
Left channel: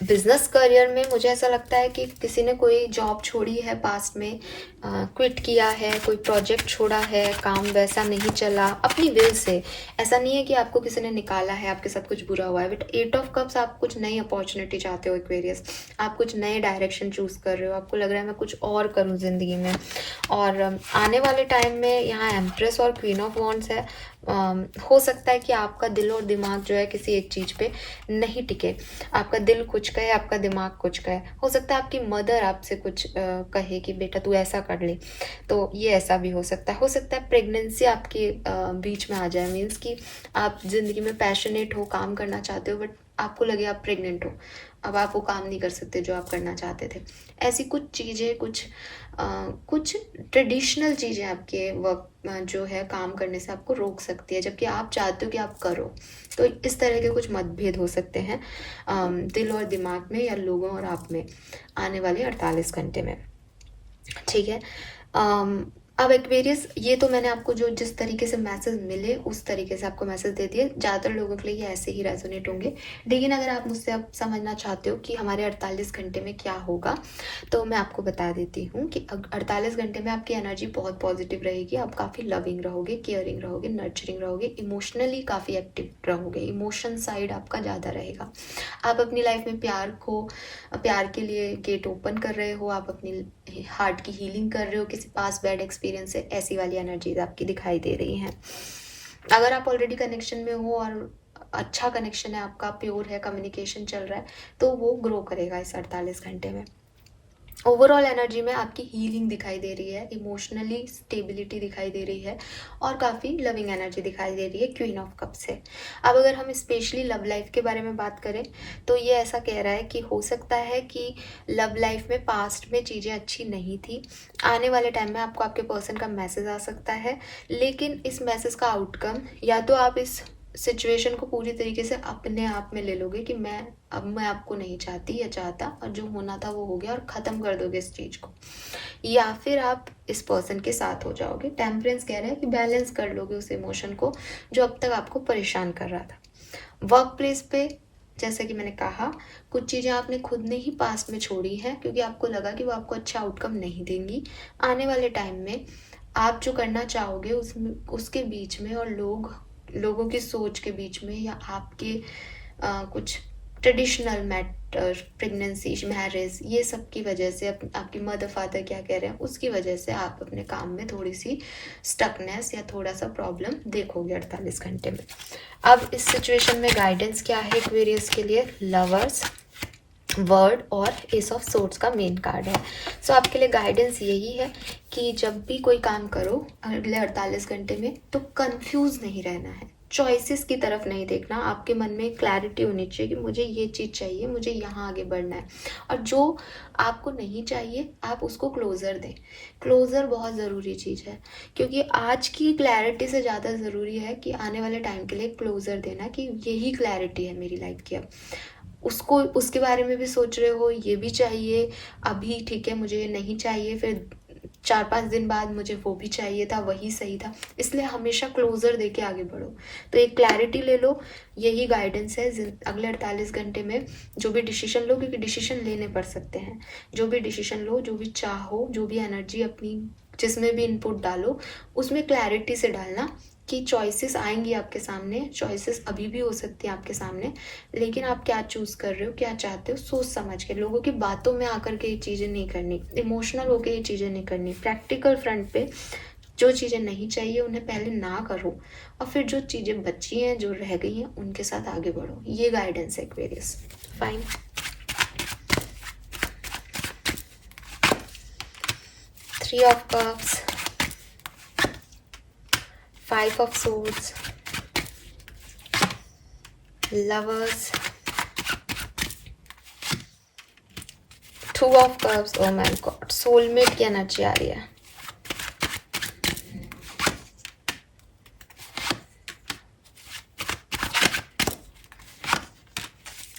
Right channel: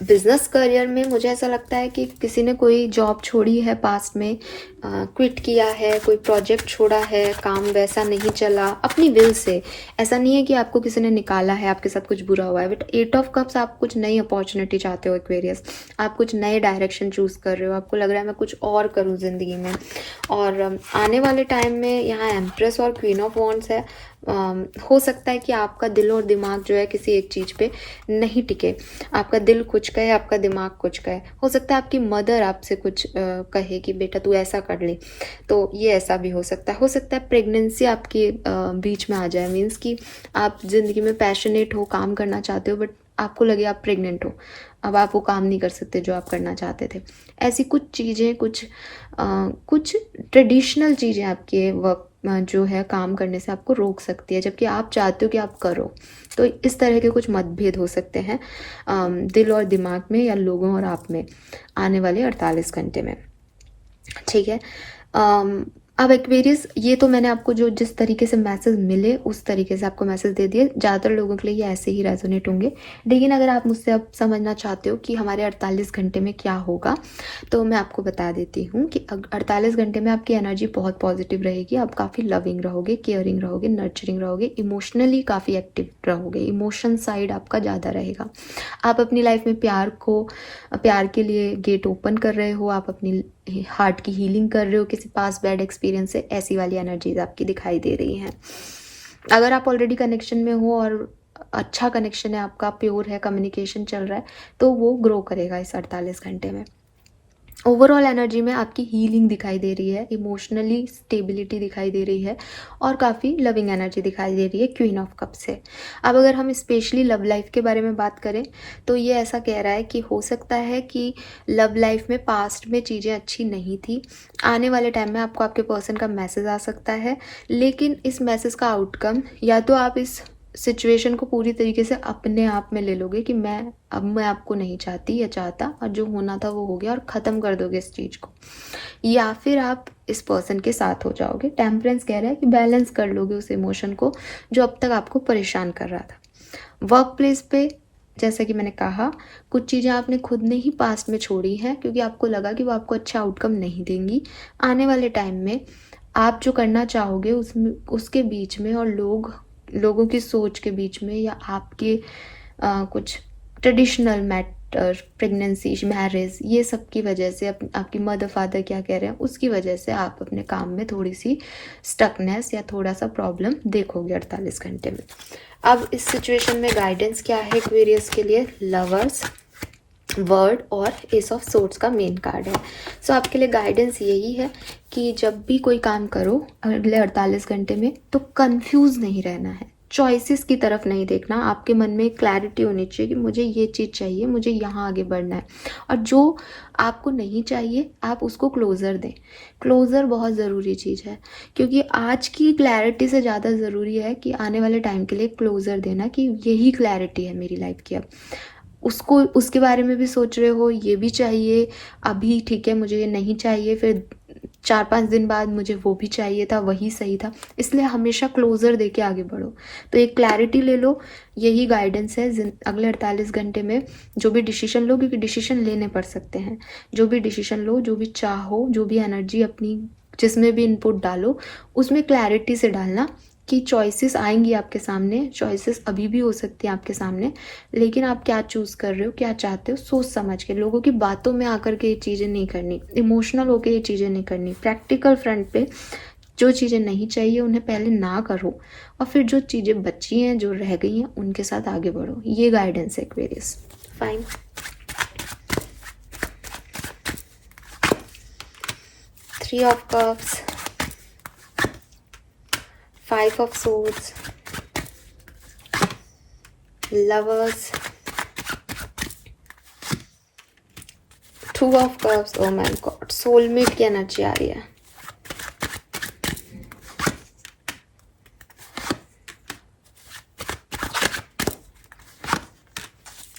बिजनेस करियर में मुझे ऐसा लगता है कि किसी ने कोई जॉब छोड़ी है पास्ट में, क्विट किया है, कोई प्रोजेक्ट छोड़ा है, काम वैसा नहीं चला अपनी विल से। ऐसा नहीं है कि आपको किसी ने निकाला है, आपके साथ कुछ बुरा हुआ है, बट 8 ऑफ कप्स आप कुछ नई अपॉर्चुनिटी चाहते हो एक्वेरियस, आप कुछ नए डायरेक्शन चूज कर रहे हो, आपको लग रहा है मैं कुछ और करूँ ज़िंदगी में। और आने वाले टाइम में यहाँ एम्प्रेस और क्वीन ऑफ वॉन्ड्स है। हो सकता है कि आपका दिल और दिमाग जो है किसी एक चीज़ पे नहीं टिके, आपका दिल कुछ कहे, आपका दिमाग कुछ कहे। हो सकता है आपकी मदर आपसे कुछ कहे कि बेटा तू ऐसा कर ले, तो ये ऐसा भी हो सकता है। हो सकता है प्रेगनेंसी आपकी बीच में आ जाए, मीन्स कि आप जिंदगी में पैशनेट हो, काम करना चाहते हो, बट आपको लगे आप प्रेग्नेंट हो, अब आप वो काम नहीं कर सकते जो आप करना चाहते थे। ऐसी कुछ चीज़ें, कुछ ट्रेडिशनल चीज़ें आपके वर्क जो है काम करने से आपको रोक सकती है, जबकि आप चाहते हो कि आप करो। तो इस तरह के कुछ मतभेद हो सकते हैं दिल और दिमाग में या लोगों और आप में आने वाले 48 घंटे में, ठीक है। अब एक्वेरियस, ये तो मैंने आपको जो जिस तरीके से मैसेज मिले उस तरीके से आपको मैसेज दे दिए। ज़्यादातर लोगों के लिए ये ऐसे ही रेजोनेट होंगे, लेकिन अगर आप मुझसे अब समझना चाहते हो कि हमारे 48 घंटे में क्या होगा, तो मैं आपको बता देती हूँ कि 48 घंटे में आपकी एनर्जी बहुत पॉजिटिव रहेगी। आप काफ़ी लविंग रहोगे, केयरिंग रहोगे, नर्चरिंग रहोगे, इमोशनली काफ़ी एक्टिव रहोगे, इमोशन साइड आपका ज़्यादा रहेगा। आप अपनी लाइफ में प्यार के लिए गेट ओपन कर रहे हो, आप अपनी हार्ट की हीलिंग कर रहे हो किसी पास बैड एक्सपीरियंस से, ऐसी वाली एनर्जीज आपकी दिखाई दे रही हैं। अगर आप ऑलरेडी कनेक्शन में हो और अच्छा कनेक्शन है आपका, प्योर है, कम्युनिकेशन चल रहा है, तो वो ग्रो करेगा इस 48 घंटे में। ओवरऑल एनर्जी में आपकी हीलिंग दिखाई दे रही है, इमोशनली स्टेबिलिटी दिखाई दे रही है और काफ़ी लविंग एनर्जी दिखाई दे रही है क्वीन ऑफ कप से। अब अगर हम स्पेशली लव लाइफ के बारे में बात करें तो ये ऐसा कह रहा है कि हो सकता है कि लव लाइफ में पास्ट में चीज़ें अच्छी नहीं थी, आने वाले टाइम में आपको आपके पर्सन का मैसेज आ सकता है, लेकिन इस मैसेज का आउटकम या तो आप इस सिचुएशन को पूरी तरीके से अपने आप में ले लोगे कि मैं आपको नहीं चाहती या चाहता, और जो होना था वो हो गया और ख़त्म कर दोगे इस चीज़ को, या फिर आप इस पर्सन के साथ हो जाओगे। टेम्परेंस कह रहा है कि बैलेंस कर लोगे उस इमोशन को जो अब तक आपको परेशान कर रहा था। वर्क प्लेस पे जैसा कि मैंने कहा, कुछ चीज़ें आपने खुद ने ही पास्ट में छोड़ी हैं क्योंकि आपको लगा कि वो आपको अच्छा आउटकम नहीं देंगी। आने वाले टाइम में आप जो करना चाहोगे उसके बीच में और लोगों की सोच के बीच में या आपके कुछ ट्रेडिशनल मैटर, प्रेगनेंसी, मैरिज, ये सब की वजह से आपकी मदर फादर क्या कह रहे हैं उसकी वजह से आप अपने काम में थोड़ी सी स्टकनेस या थोड़ा सा प्रॉब्लम देखोगे 48 घंटे में। अब इस सिचुएशन में गाइडेंस क्या है एक्वेरियस के लिए? लवर्स, वर्ड और एस ऑफ सोर्ड्स का मेन कार्ड है। सो आपके लिए गाइडेंस यही है कि जब भी कोई काम करो अगले 48 घंटे में तो कंफ्यूज नहीं रहना है, चॉइसेस की तरफ नहीं देखना। आपके मन में क्लैरिटी होनी चाहिए कि मुझे ये चीज़ चाहिए, मुझे यहाँ आगे बढ़ना है, और जो आपको नहीं चाहिए आप उसको क्लोज़र दें। क्लोज़र बहुत ज़रूरी चीज़ है क्योंकि आज की क्लैरिटी से ज़्यादा ज़रूरी है कि आने वाले टाइम के लिए क्लोज़र देना कि यही क्लैरिटी है मेरी लाइफ की। अब उसके बारे में भी सोच रहे हो, ये भी चाहिए अभी, ठीक है मुझे ये नहीं चाहिए, फिर 4-5 दिन बाद मुझे वो भी चाहिए था, वही सही था, इसलिए हमेशा क्लोजर देके आगे बढ़ो। तो एक क्लैरिटी ले लो, यही गाइडेंस है अगले 48 घंटे में। जो भी डिसीजन लो, क्योंकि डिसीजन लेने पड़ सकते हैं, जो भी डिसीजन लो, जो भी चाहो, जो भी एनर्जी अपनी जिसमें भी इनपुट डालो उसमें क्लैरिटी से डालना, कि चॉइसेस आएंगी आपके सामने, चॉइसेस अभी भी हो सकती है आपके सामने, लेकिन आप क्या चूज़ कर रहे हो, क्या चाहते हो, सोच समझ के। लोगों की बातों में आकर के ये चीज़ें नहीं करनी, इमोशनल होकर ये चीज़ें नहीं करनी। प्रैक्टिकल फ्रंट पे जो चीज़ें नहीं चाहिए उन्हें पहले ना करो, और फिर जो चीज़ें बची हैं, जो रह गई हैं, उनके साथ आगे बढ़ो। ये गाइडेंस है Aquarius. Fine. 3 of cups, 5 of swords, lovers, 2 of cups. Oh my god, soulmate की एनर्जी आ रही है।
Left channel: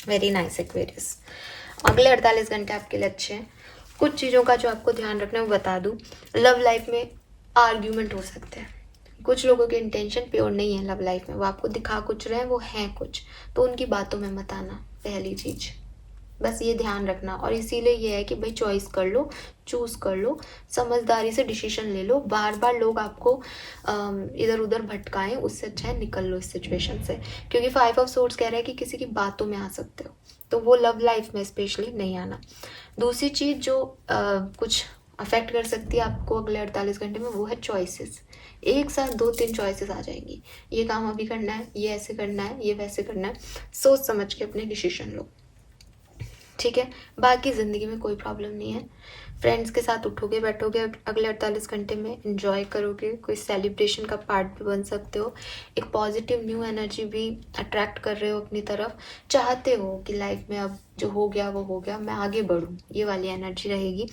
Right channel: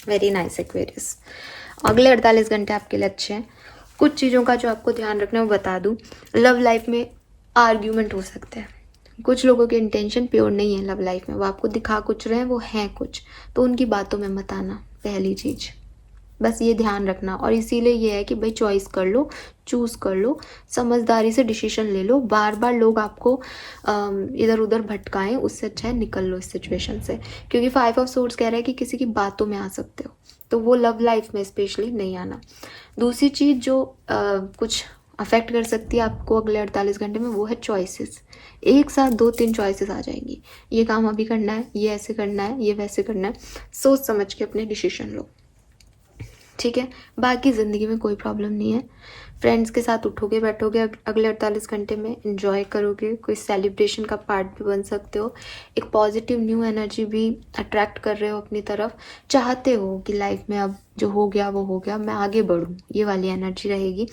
Very nice Aquarius. अगले 48 घंटे आपके लिए अच्छे हैं। कुछ चीज़ों का जो आपको ध्यान रखना है वो बता दूं। लव लाइफ में आर्ग्यूमेंट हो सकते हैं, कुछ लोगों के इंटेंशन प्योर नहीं है लव लाइफ में, वो आपको दिखा कुछ रहे हैं, वो है कुछ, तो उनकी बातों में मत आना, पहली चीज़ बस ये ध्यान रखना। और इसीलिए ये है कि भाई चॉइस कर लो, चूज कर लो, समझदारी से डिसीजन ले लो। बार बार लोग आपको इधर उधर भटकाएं, उससे अच्छा है निकल लो इस सिचुएशन से, क्योंकि 5 ऑफ सोर्ड्स कह रहा है कि किसी की बातों में आ सकते हो, तो वो लव लाइफ में स्पेशली नहीं आना। दूसरी चीज जो कुछ अफेक्ट कर सकती है आपको अगले 48 घंटे में, वो है चॉइसेस। एक साथ 2-3 चॉइसेस आ जाएंगी, ये काम अभी करना है, ये ऐसे करना है, ये वैसे करना है। सोच समझ के अपने डिसीजन लो, ठीक है। बाकी ज़िंदगी में कोई प्रॉब्लम नहीं है। फ्रेंड्स के साथ उठोगे बैठोगे अगले 48 घंटे में, एंजॉय करोगे, कोई सेलिब्रेशन का पार्ट भी बन सकते हो, एक पॉजिटिव न्यू एनर्जी भी अट्रैक्ट कर रहे हो अपनी तरफ, चाहते हो कि लाइफ में अब जो हो गया वो हो गया, मैं आगे बढ़ूँ, ये वाली एनर्जी रहेगी।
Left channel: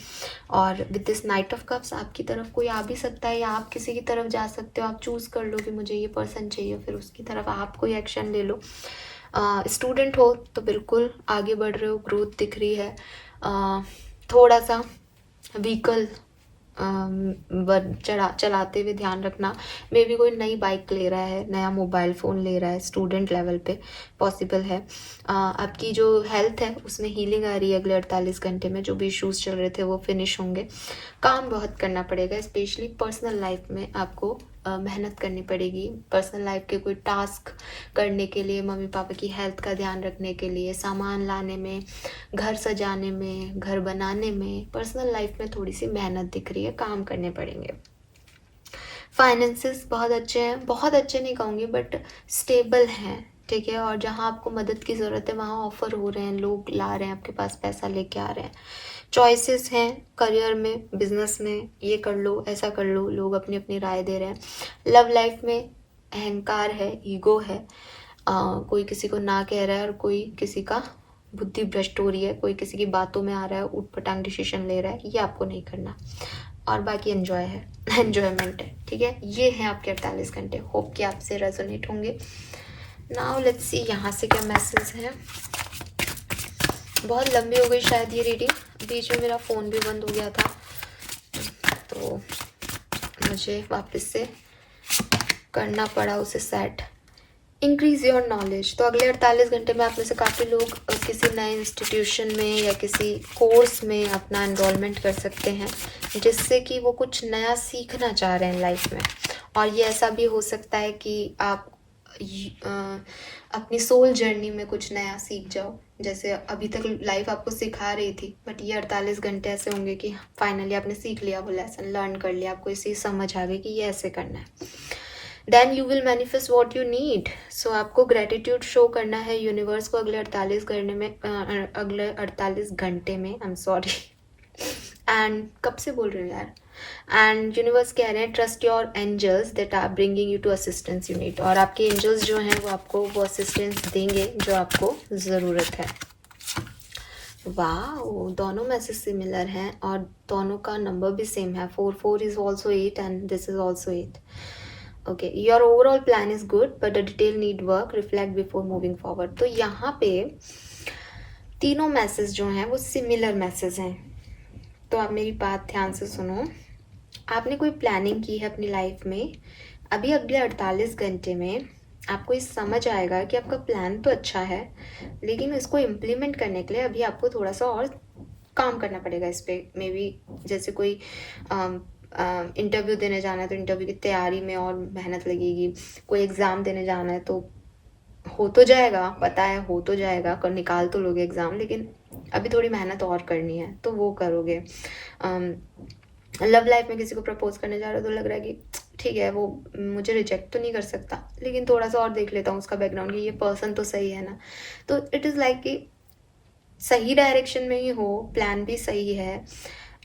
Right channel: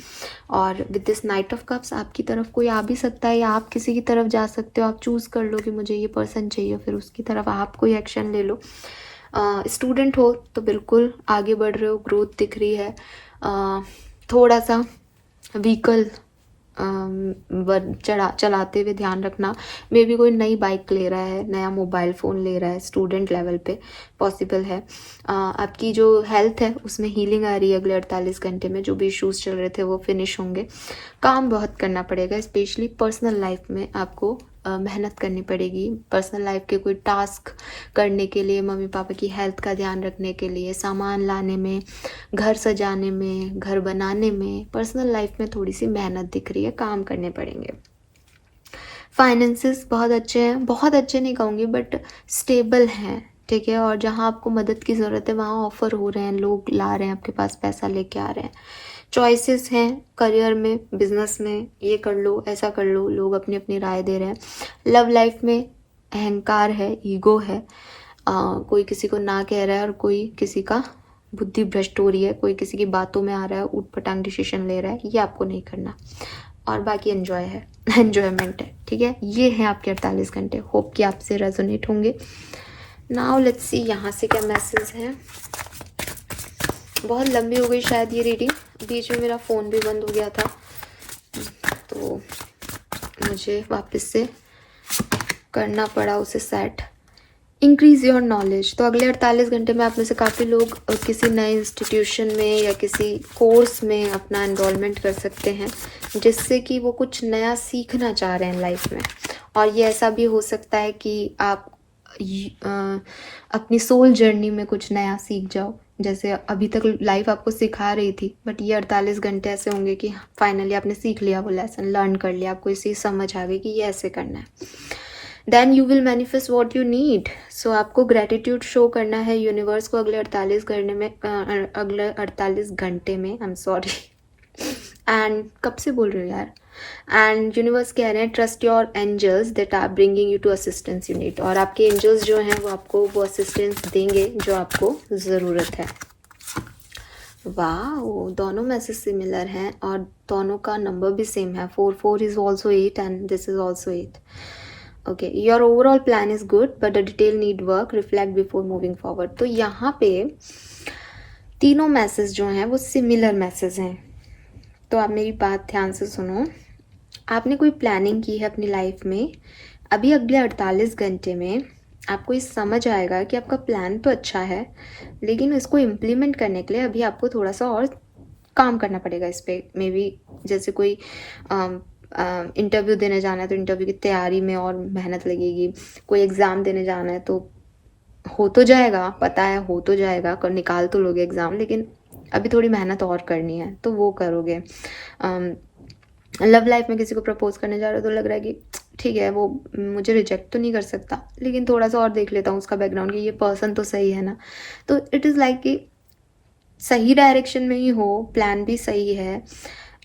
और with this night of cups आपकी तरफ कोई आ भी सकता है, या आप किसी की तरफ जा सकते हो। आप चूज़ कर लो कि मुझे ये पर्सन चाहिए, फिर उसकी तरफ आप कोई एक्शन ले लो। स्टूडेंट हो तो बिल्कुल आगे बढ़ रहे हो, ग्रोथ दिख रही है। थोड़ा सा व्हीकल चलाते हुए ध्यान रखना, मे भी कोई नई बाइक ले रहा है, नया मोबाइल फ़ोन ले रहा है, स्टूडेंट लेवल पे पॉसिबल है। आपकी जो हेल्थ है उसमें हीलिंग आ रही है अगले 48 घंटे में, जो भी इश्यूज चल रहे थे वो फिनिश होंगे। काम बहुत करना पड़ेगा, स्पेशली पर्सनल लाइफ में आपको मेहनत करनी पड़ेगी। पर्सनल लाइफ के कोई टास्क करने के लिए, मम्मी पापा की हेल्थ का ध्यान रखने के लिए, सामान लाने में, घर सजाने में, घर बनाने में, पर्सनल लाइफ में थोड़ी सी मेहनत दिख रही है, काम करने पड़ेंगे। फाइनेंसेस बहुत अच्छे हैं, बहुत अच्छे नहीं कहूँगी बट स्टेबल हैं, ठीक है। और जहाँ आपको मदद की ज़रूरत है वहाँ ऑफर हो रहे हैं, लोग ला रहे हैं आपके पास, पैसा लेके आ रहे हैं। चॉइसेस हैं करियर में, बिजनेस में, ये कर लो, ऐसा कर लो, लोग अपनी अपनी राय दे रहे हैं। लव लाइफ में अहंकार है, ईगो है, कोई किसी को ना कह रहा है और कोई किसी का बुद्धि भ्रष्ट हो रही है, कोई किसी की बातों में आ रहा है, उटपटांग डिसीजन ले रहा है, ये आपको नहीं करना। और बाकी एंजॉय है, एंजॉयमेंट है, ठीक है। ये है आपके 48 घंटे, होप कि आपसे रेजोनेट होंगे। नाउ लेट्स सी यहाँ से क्या मैसेज है। बहुत लंबी हो गई शायद ये रीडिंग, बीच में मेरा फ़ोन भी बंद हो गया था तो मुझे वापस से करना पड़ा उसे सेट। इंक्रीज योर नॉलेज, तो अगले 48 घंटे में आप में से काफ़ी लोग किसी नए इंस्टीट्यूशन में या किसी कोर्स में अपना एनरोलमेंट कर सकते हैं, जिससे कि वो कुछ नया सीखना चाह रहे हैं लाइफ में। और ये ऐसा भी हो सकता है कि आप अपनी सोल जर्नी में कुछ नया सीख जाओ, जैसे अभी तक लाइफ आपको सिखा रही थी, बट ये 48 घंटे ऐसे होंगे कि फाइनली आपने सीख लिया, वो लेसन लर्न कर लिया, आपको इसी समझ आ गई कि ये ऐसे करना है। Then you will manifest what you need. So आपको ग्रेटिट्यूड शो करना है यूनिवर्स को अगले 48 घंटे में, अगले 48 घंटे में, आई एम सॉरी एंड कब से बोल रहे हो यार। एंड यूनिवर्स कह रहे हैं trust your angels that are bringing you to assistance you need, और आपके एंजल्स जो हैं वो आपको वो असिस्टेंस देंगे जो आपको ज़रूरत है। वाह, दोनों मैसेज सिमिलर हैं और दोनों का नंबर भी सेम है, 4 is also 8 and this is also 8। Okay, your overall plan is good but the detail need work, reflect before moving forward. तो यहाँ पे तीनों मैसेज जो हैं वो सिमिलर मैसेज हैं, तो आप मेरी बात ध्यान से सुनो। आपने कोई प्लानिंग की है अपनी लाइफ में, अभी अगले 48 घंटे में आपको ये समझ आएगा कि आपका प्लान तो अच्छा है, लेकिन इसको इम्प्लीमेंट करने के लिए अभी आपको थोड़ा सा और काम करना पड़ेगा इस पर। मे बी जैसे कोई इंटरव्यू देने जाना है तो इंटरव्यू की तैयारी में और मेहनत लगेगी, कोई एग्ज़ाम देने जाना है तो हो तो जाएगा, पता है हो तो जाएगा, कर निकाल तो लोगे एग्ज़ाम, लेकिन अभी थोड़ी मेहनत और करनी है तो वो करोगे। लव लाइफ में किसी को प्रपोज करने जा रहे हो तो लग रहा है कि ठीक है वो मुझे रिजेक्ट तो नहीं कर सकता, लेकिन थोड़ा सा और देख लेता हूँ उसका बैकग्राउंड कि ये पर्सन तो सही है ना। तो इट इज़ लाइक कि सही डायरेक्शन में ही हो, प्लान भी सही है,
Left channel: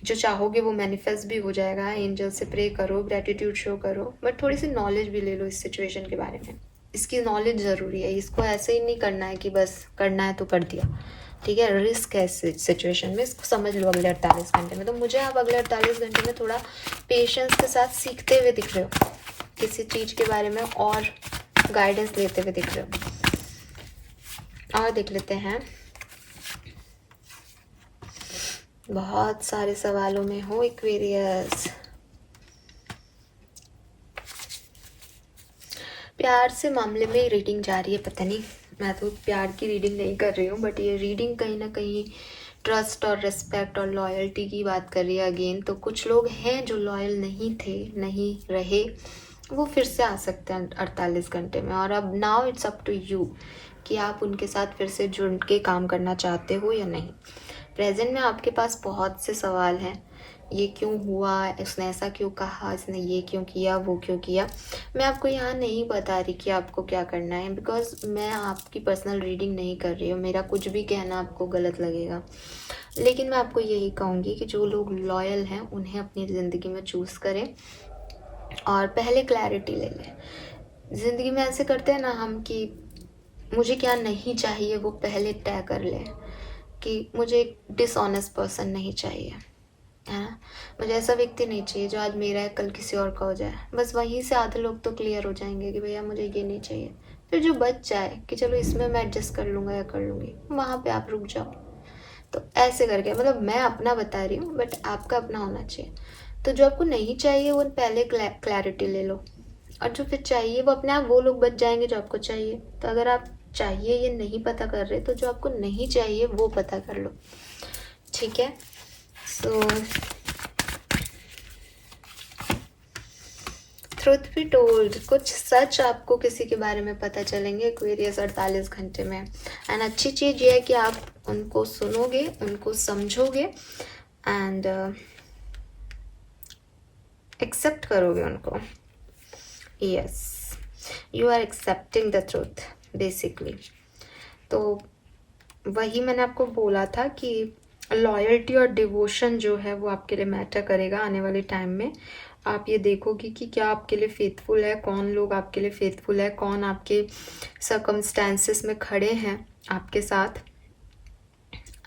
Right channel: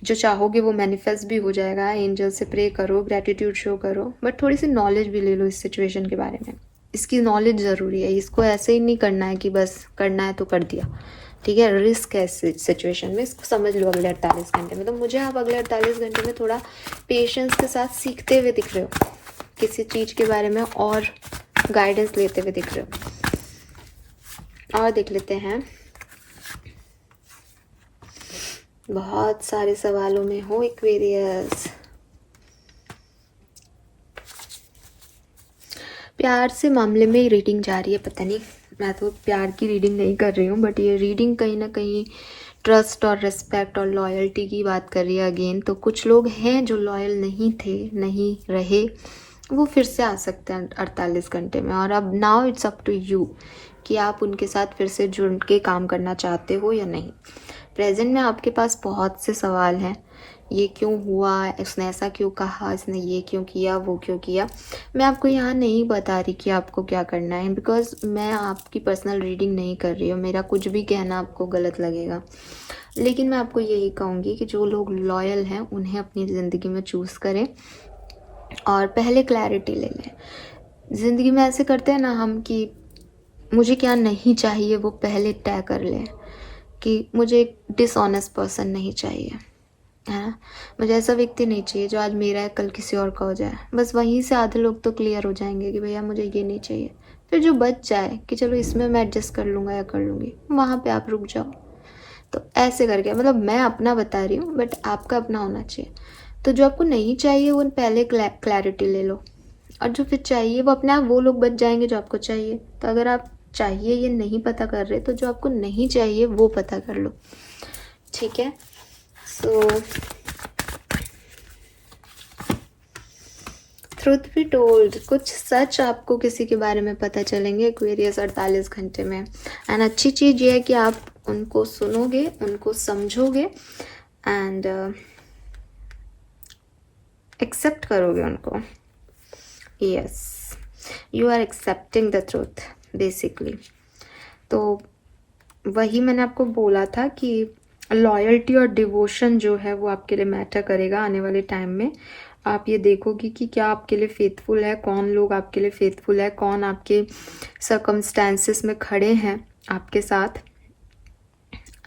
जो चाहोगे वो मैनिफेस्ट भी हो जाएगा। एंजल से प्रे करो, ग्रेटिट्यूड शो करो, बट थोड़ी सी नॉलेज भी ले लो इस सिचुएशन के बारे में। इसकी नॉलेज ज़रूरी है, इसको ऐसे ही नहीं करना है कि बस करना है तो कर दिया, ठीक है। रिस्क है इस सिचुएशन में, इसको समझ लो अगले 48 घंटे में। तो मुझे आप अगले 48 घंटे में थोड़ा पेशेंस के साथ सीखते हुए दिख रहे हो किसी चीज़ के बारे में, और गाइडेंस लेते हुए दिख रहे हो। और देख लेते हैं, बहुत सारे सवालों में हो एक्वेरियस। प्यार से मामले में ही रीडिंग जा रही है, पता नहीं, मैं तो प्यार की रीडिंग नहीं कर रही हूँ, बट ये रीडिंग कहीं ना कहीं ट्रस्ट और रिस्पेक्ट और लॉयल्टी की बात कर रही है अगेन। तो कुछ लोग हैं जो लॉयल नहीं थे, नहीं रहे, वो फिर से आ सकते हैं 48 घंटे में। और अब now it's up to you कि आप उनके साथ फिर से जुड़ के काम करना चाहते हो या नहीं। प्रेजेंट में आपके पास बहुत से सवाल हैं, ये क्यों हुआ, इसने ऐसा क्यों कहा, इसने ये क्यों किया, वो क्यों किया। मैं आपको यहाँ नहीं बता रही कि आपको क्या करना है, बिकॉज मैं आपकी पर्सनल रीडिंग नहीं कर रही हूँ, मेरा कुछ भी कहना आपको गलत लगेगा। लेकिन मैं आपको यही कहूँगी कि जो लोग लॉयल हैं उन्हें अपनी ज़िंदगी में चूज़ करें और पहले क्लैरिटी ले लें। ज़िंदगी में ऐसे करते हैं ना हम कि मुझे क्या नहीं चाहिए वो पहले तय कर लें, कि मुझे एक डिसऑनेस्ट पर्सन नहीं चाहिए, है ना, मुझे ऐसा व्यक्ति नहीं चाहिए जो आज मेरा है कल किसी और का हो जाए। बस वहीं से आधे लोग तो क्लियर हो जाएंगे कि भैया मुझे ये नहीं चाहिए। फिर जो बच जाए कि चलो इसमें मैं एडजस्ट कर लूँगा या कर लूँगी, वहाँ पे आप रुक जाओ। तो ऐसे करके, मतलब मैं अपना बता रही हूँ, बट आपका अपना होना चाहिए। तो जो आपको नहीं चाहिए वो पहले क्लैरिटी ले लो, और जो फिर चाहिए वो अपने आप वो लोग बच जाएंगे जो आपको चाहिए। तो अगर आप चाहिए ये नहीं पता कर रहे तो जो आपको नहीं चाहिए वो पता कर लो, ठीक है। सो ट्रुथ बी टोल्ड, कुछ सच आपको किसी के बारे में पता चलेंगे एक्वेरियस 48 घंटे में। एंड अच्छी चीज़ ये है कि आप उनको सुनोगे, उनको समझोगे एंड एक्सेप्ट करोगे उनको। Yes, you are accepting the truth basically. तो वही मैंने आपको बोला था कि लॉयल्टी और डिवोशन जो है वो आपके लिए मैटर करेगा आने वाले टाइम में। आप ये देखोगे कि क्या आपके लिए फेथफुल है, कौन लोग आपके लिए फेथफुल है, कौन आपके सर्कमस्टेंसेस में खड़े हैं आपके साथ।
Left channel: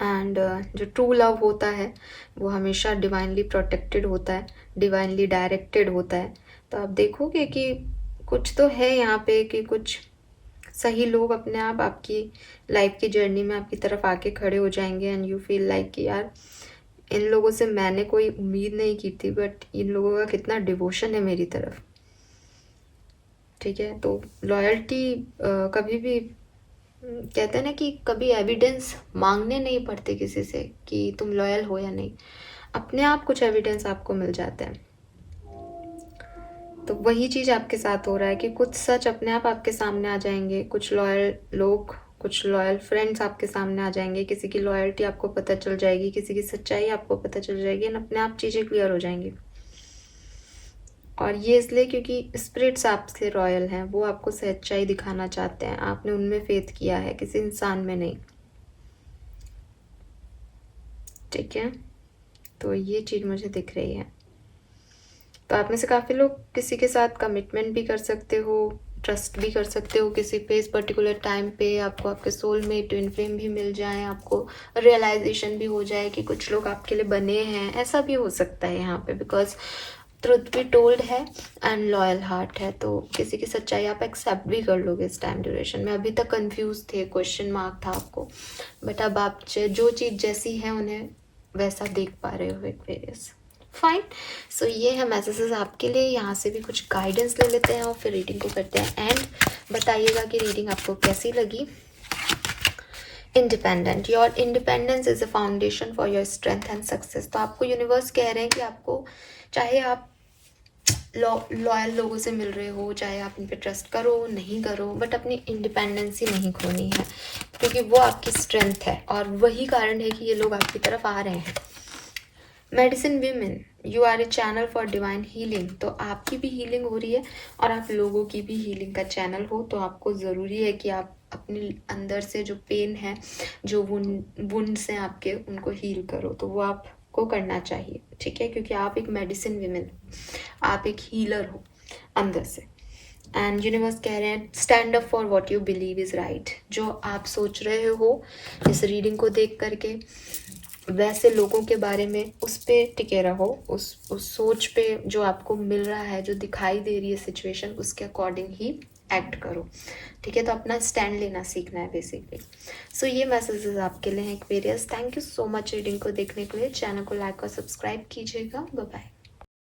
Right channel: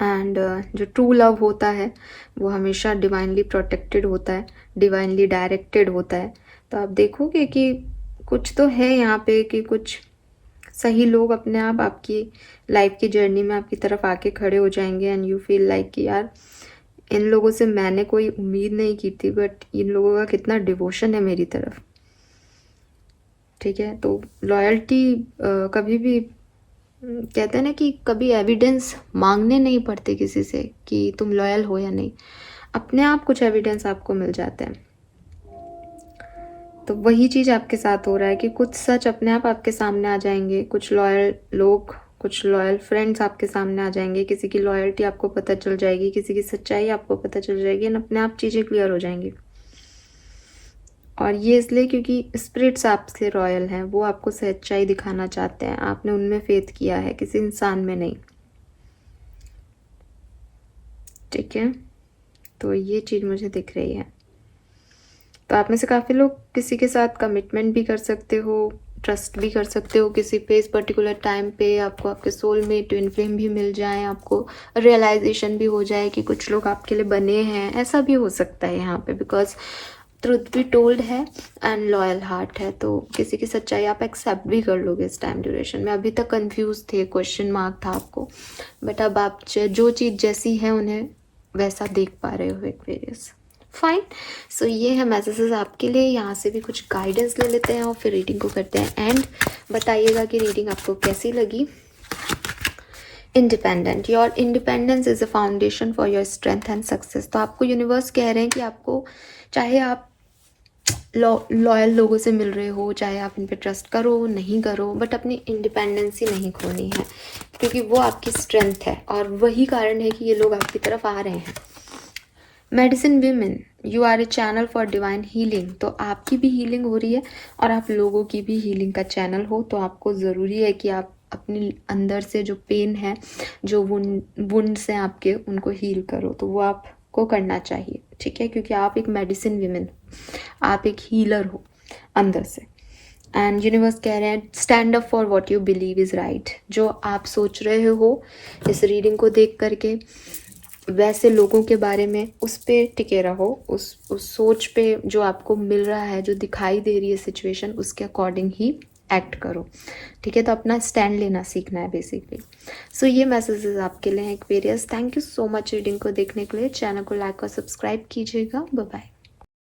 एंड जो ट्रू लव होता है वो हमेशा डिवाइनली प्रोटेक्टेड होता है, डिवाइनली डायरेक्टेड होता है। तो आप देखोगे कि कुछ तो है यहाँ पे कि कुछ सही लोग अपने आप आपकी लाइफ की जर्नी में आपकी तरफ आके खड़े हो जाएंगे एंड यू फील लाइक कि यार इन लोगों से मैंने कोई उम्मीद नहीं की थी, बट इन लोगों का कितना डिवोशन है मेरी तरफ, ठीक है। तो लॉयल्टी कभी भी कहते हैं ना कि कभी एविडेंस मांगने नहीं पड़ते किसी से कि तुम लॉयल हो या नहीं, अपने आप कुछ एविडेंस आपको मिल जाते हैं। तो वही चीज़ आपके साथ हो रहा है कि कुछ सच अपने आप आपके सामने आ जाएंगे, कुछ लॉयल लोग, कुछ लॉयल फ्रेंड्स आपके सामने आ जाएंगे, किसी की लॉयल्टी आपको पता चल जाएगी, किसी की सच्चाई आपको पता चल जाएगी, और अपने आप चीज़ें क्लियर हो जाएंगी। और ये इसलिए क्योंकि स्पिरिट्स आपसे रॉयल हैं, वो आपको सच्चाई दिखाना चाहते हैं, आपने उनमें फेथ किया है, किसी इंसान में नहीं, ठीक है। तो ये चीज़ मुझे दिख रही है। तो आप में से काफ़ी लोग किसी के साथ कमिटमेंट भी कर सकते हो, ट्रस्ट भी कर सकते हो किसी पे, इस पर्टिकुलर टाइम पे आपको आपके सोल में ट्विन फ्लेम भी मिल जाए, आपको रियलाइजेशन भी हो जाए कि कुछ लोग आपके लिए बने हैं, ऐसा भी हो सकता है यहाँ पे, बिकॉज ट्रुथ भी टोल्ड है एंड लॉयल हार्ट है। तो किसी की सच्चाई आप एक्सेप्ट भी कर लोगे इस टाइम ड्यूरेशन में। अभी तक कंफ्यूज थे, क्वेश्चन मार्क था आपको, बट अब आप जो चीज़ जैसी है उन्हें वैसा देख पा रहे हो एक्वेरियस। फाइन, सो ये है मैसेजेस आपके लिए। यहाँ से भी कुछ गाइडेंस ले लेते हैं और फिर रीडिंग को करते हैं एंड बताइएगा कि रीडिंग आपको कैसी लगी। Independent, your independence is a foundation for your strength and success. तो आपको यूनिवर्स कह रहे हैं कि आपको, चाहे आप लॉयल लोगों से मिल रहे हो, चाहे आप इन पे ट्रस्ट करो नहीं करो, बट अपनी इंडिपेंडेंसी नहीं खोनी है, क्योंकि वो आपकी स्ट्रेंथ है और वही कारण है कि ये लोग आपकी तरफ आ रहे हैं। Medicine women, you are a channel for divine healing. तो आपकी भी हीलिंग हो रही है और आप लोगों की भी हीलिंग का चैनल हो, तो आपको ज़रूरी है कि आप अपने अंदर से जो पेन है, जो वुंड्स हैं आपके, उनको हील करो। तो वो आपको करना चाहिए, ठीक है, क्योंकि आप एक मेडिसिन विमेन हो, आप एक हीलर हो अंदर से। एंड यूनिवर्स कह रहे हैं stand up for what you believe is right. जो आप सोच रहे हो इस रीडिंग को देख करके, वैसे लोगों के बारे में, उस पे टिके रहो, उस सोच पे जो आपको मिल रहा है, जो दिखाई दे रही है सिचुएशन, उसके अकॉर्डिंग ही एक्ट करो, ठीक है। तो अपना स्टैंड लेना सीखना है बेसिकली। सो ये मैसेजेस आपके लिए हैं Aquarius. Thank you so much reading को देखने के लिए। चैनल को लाइक और सब्सक्राइब कीजिएगा। Bye bye.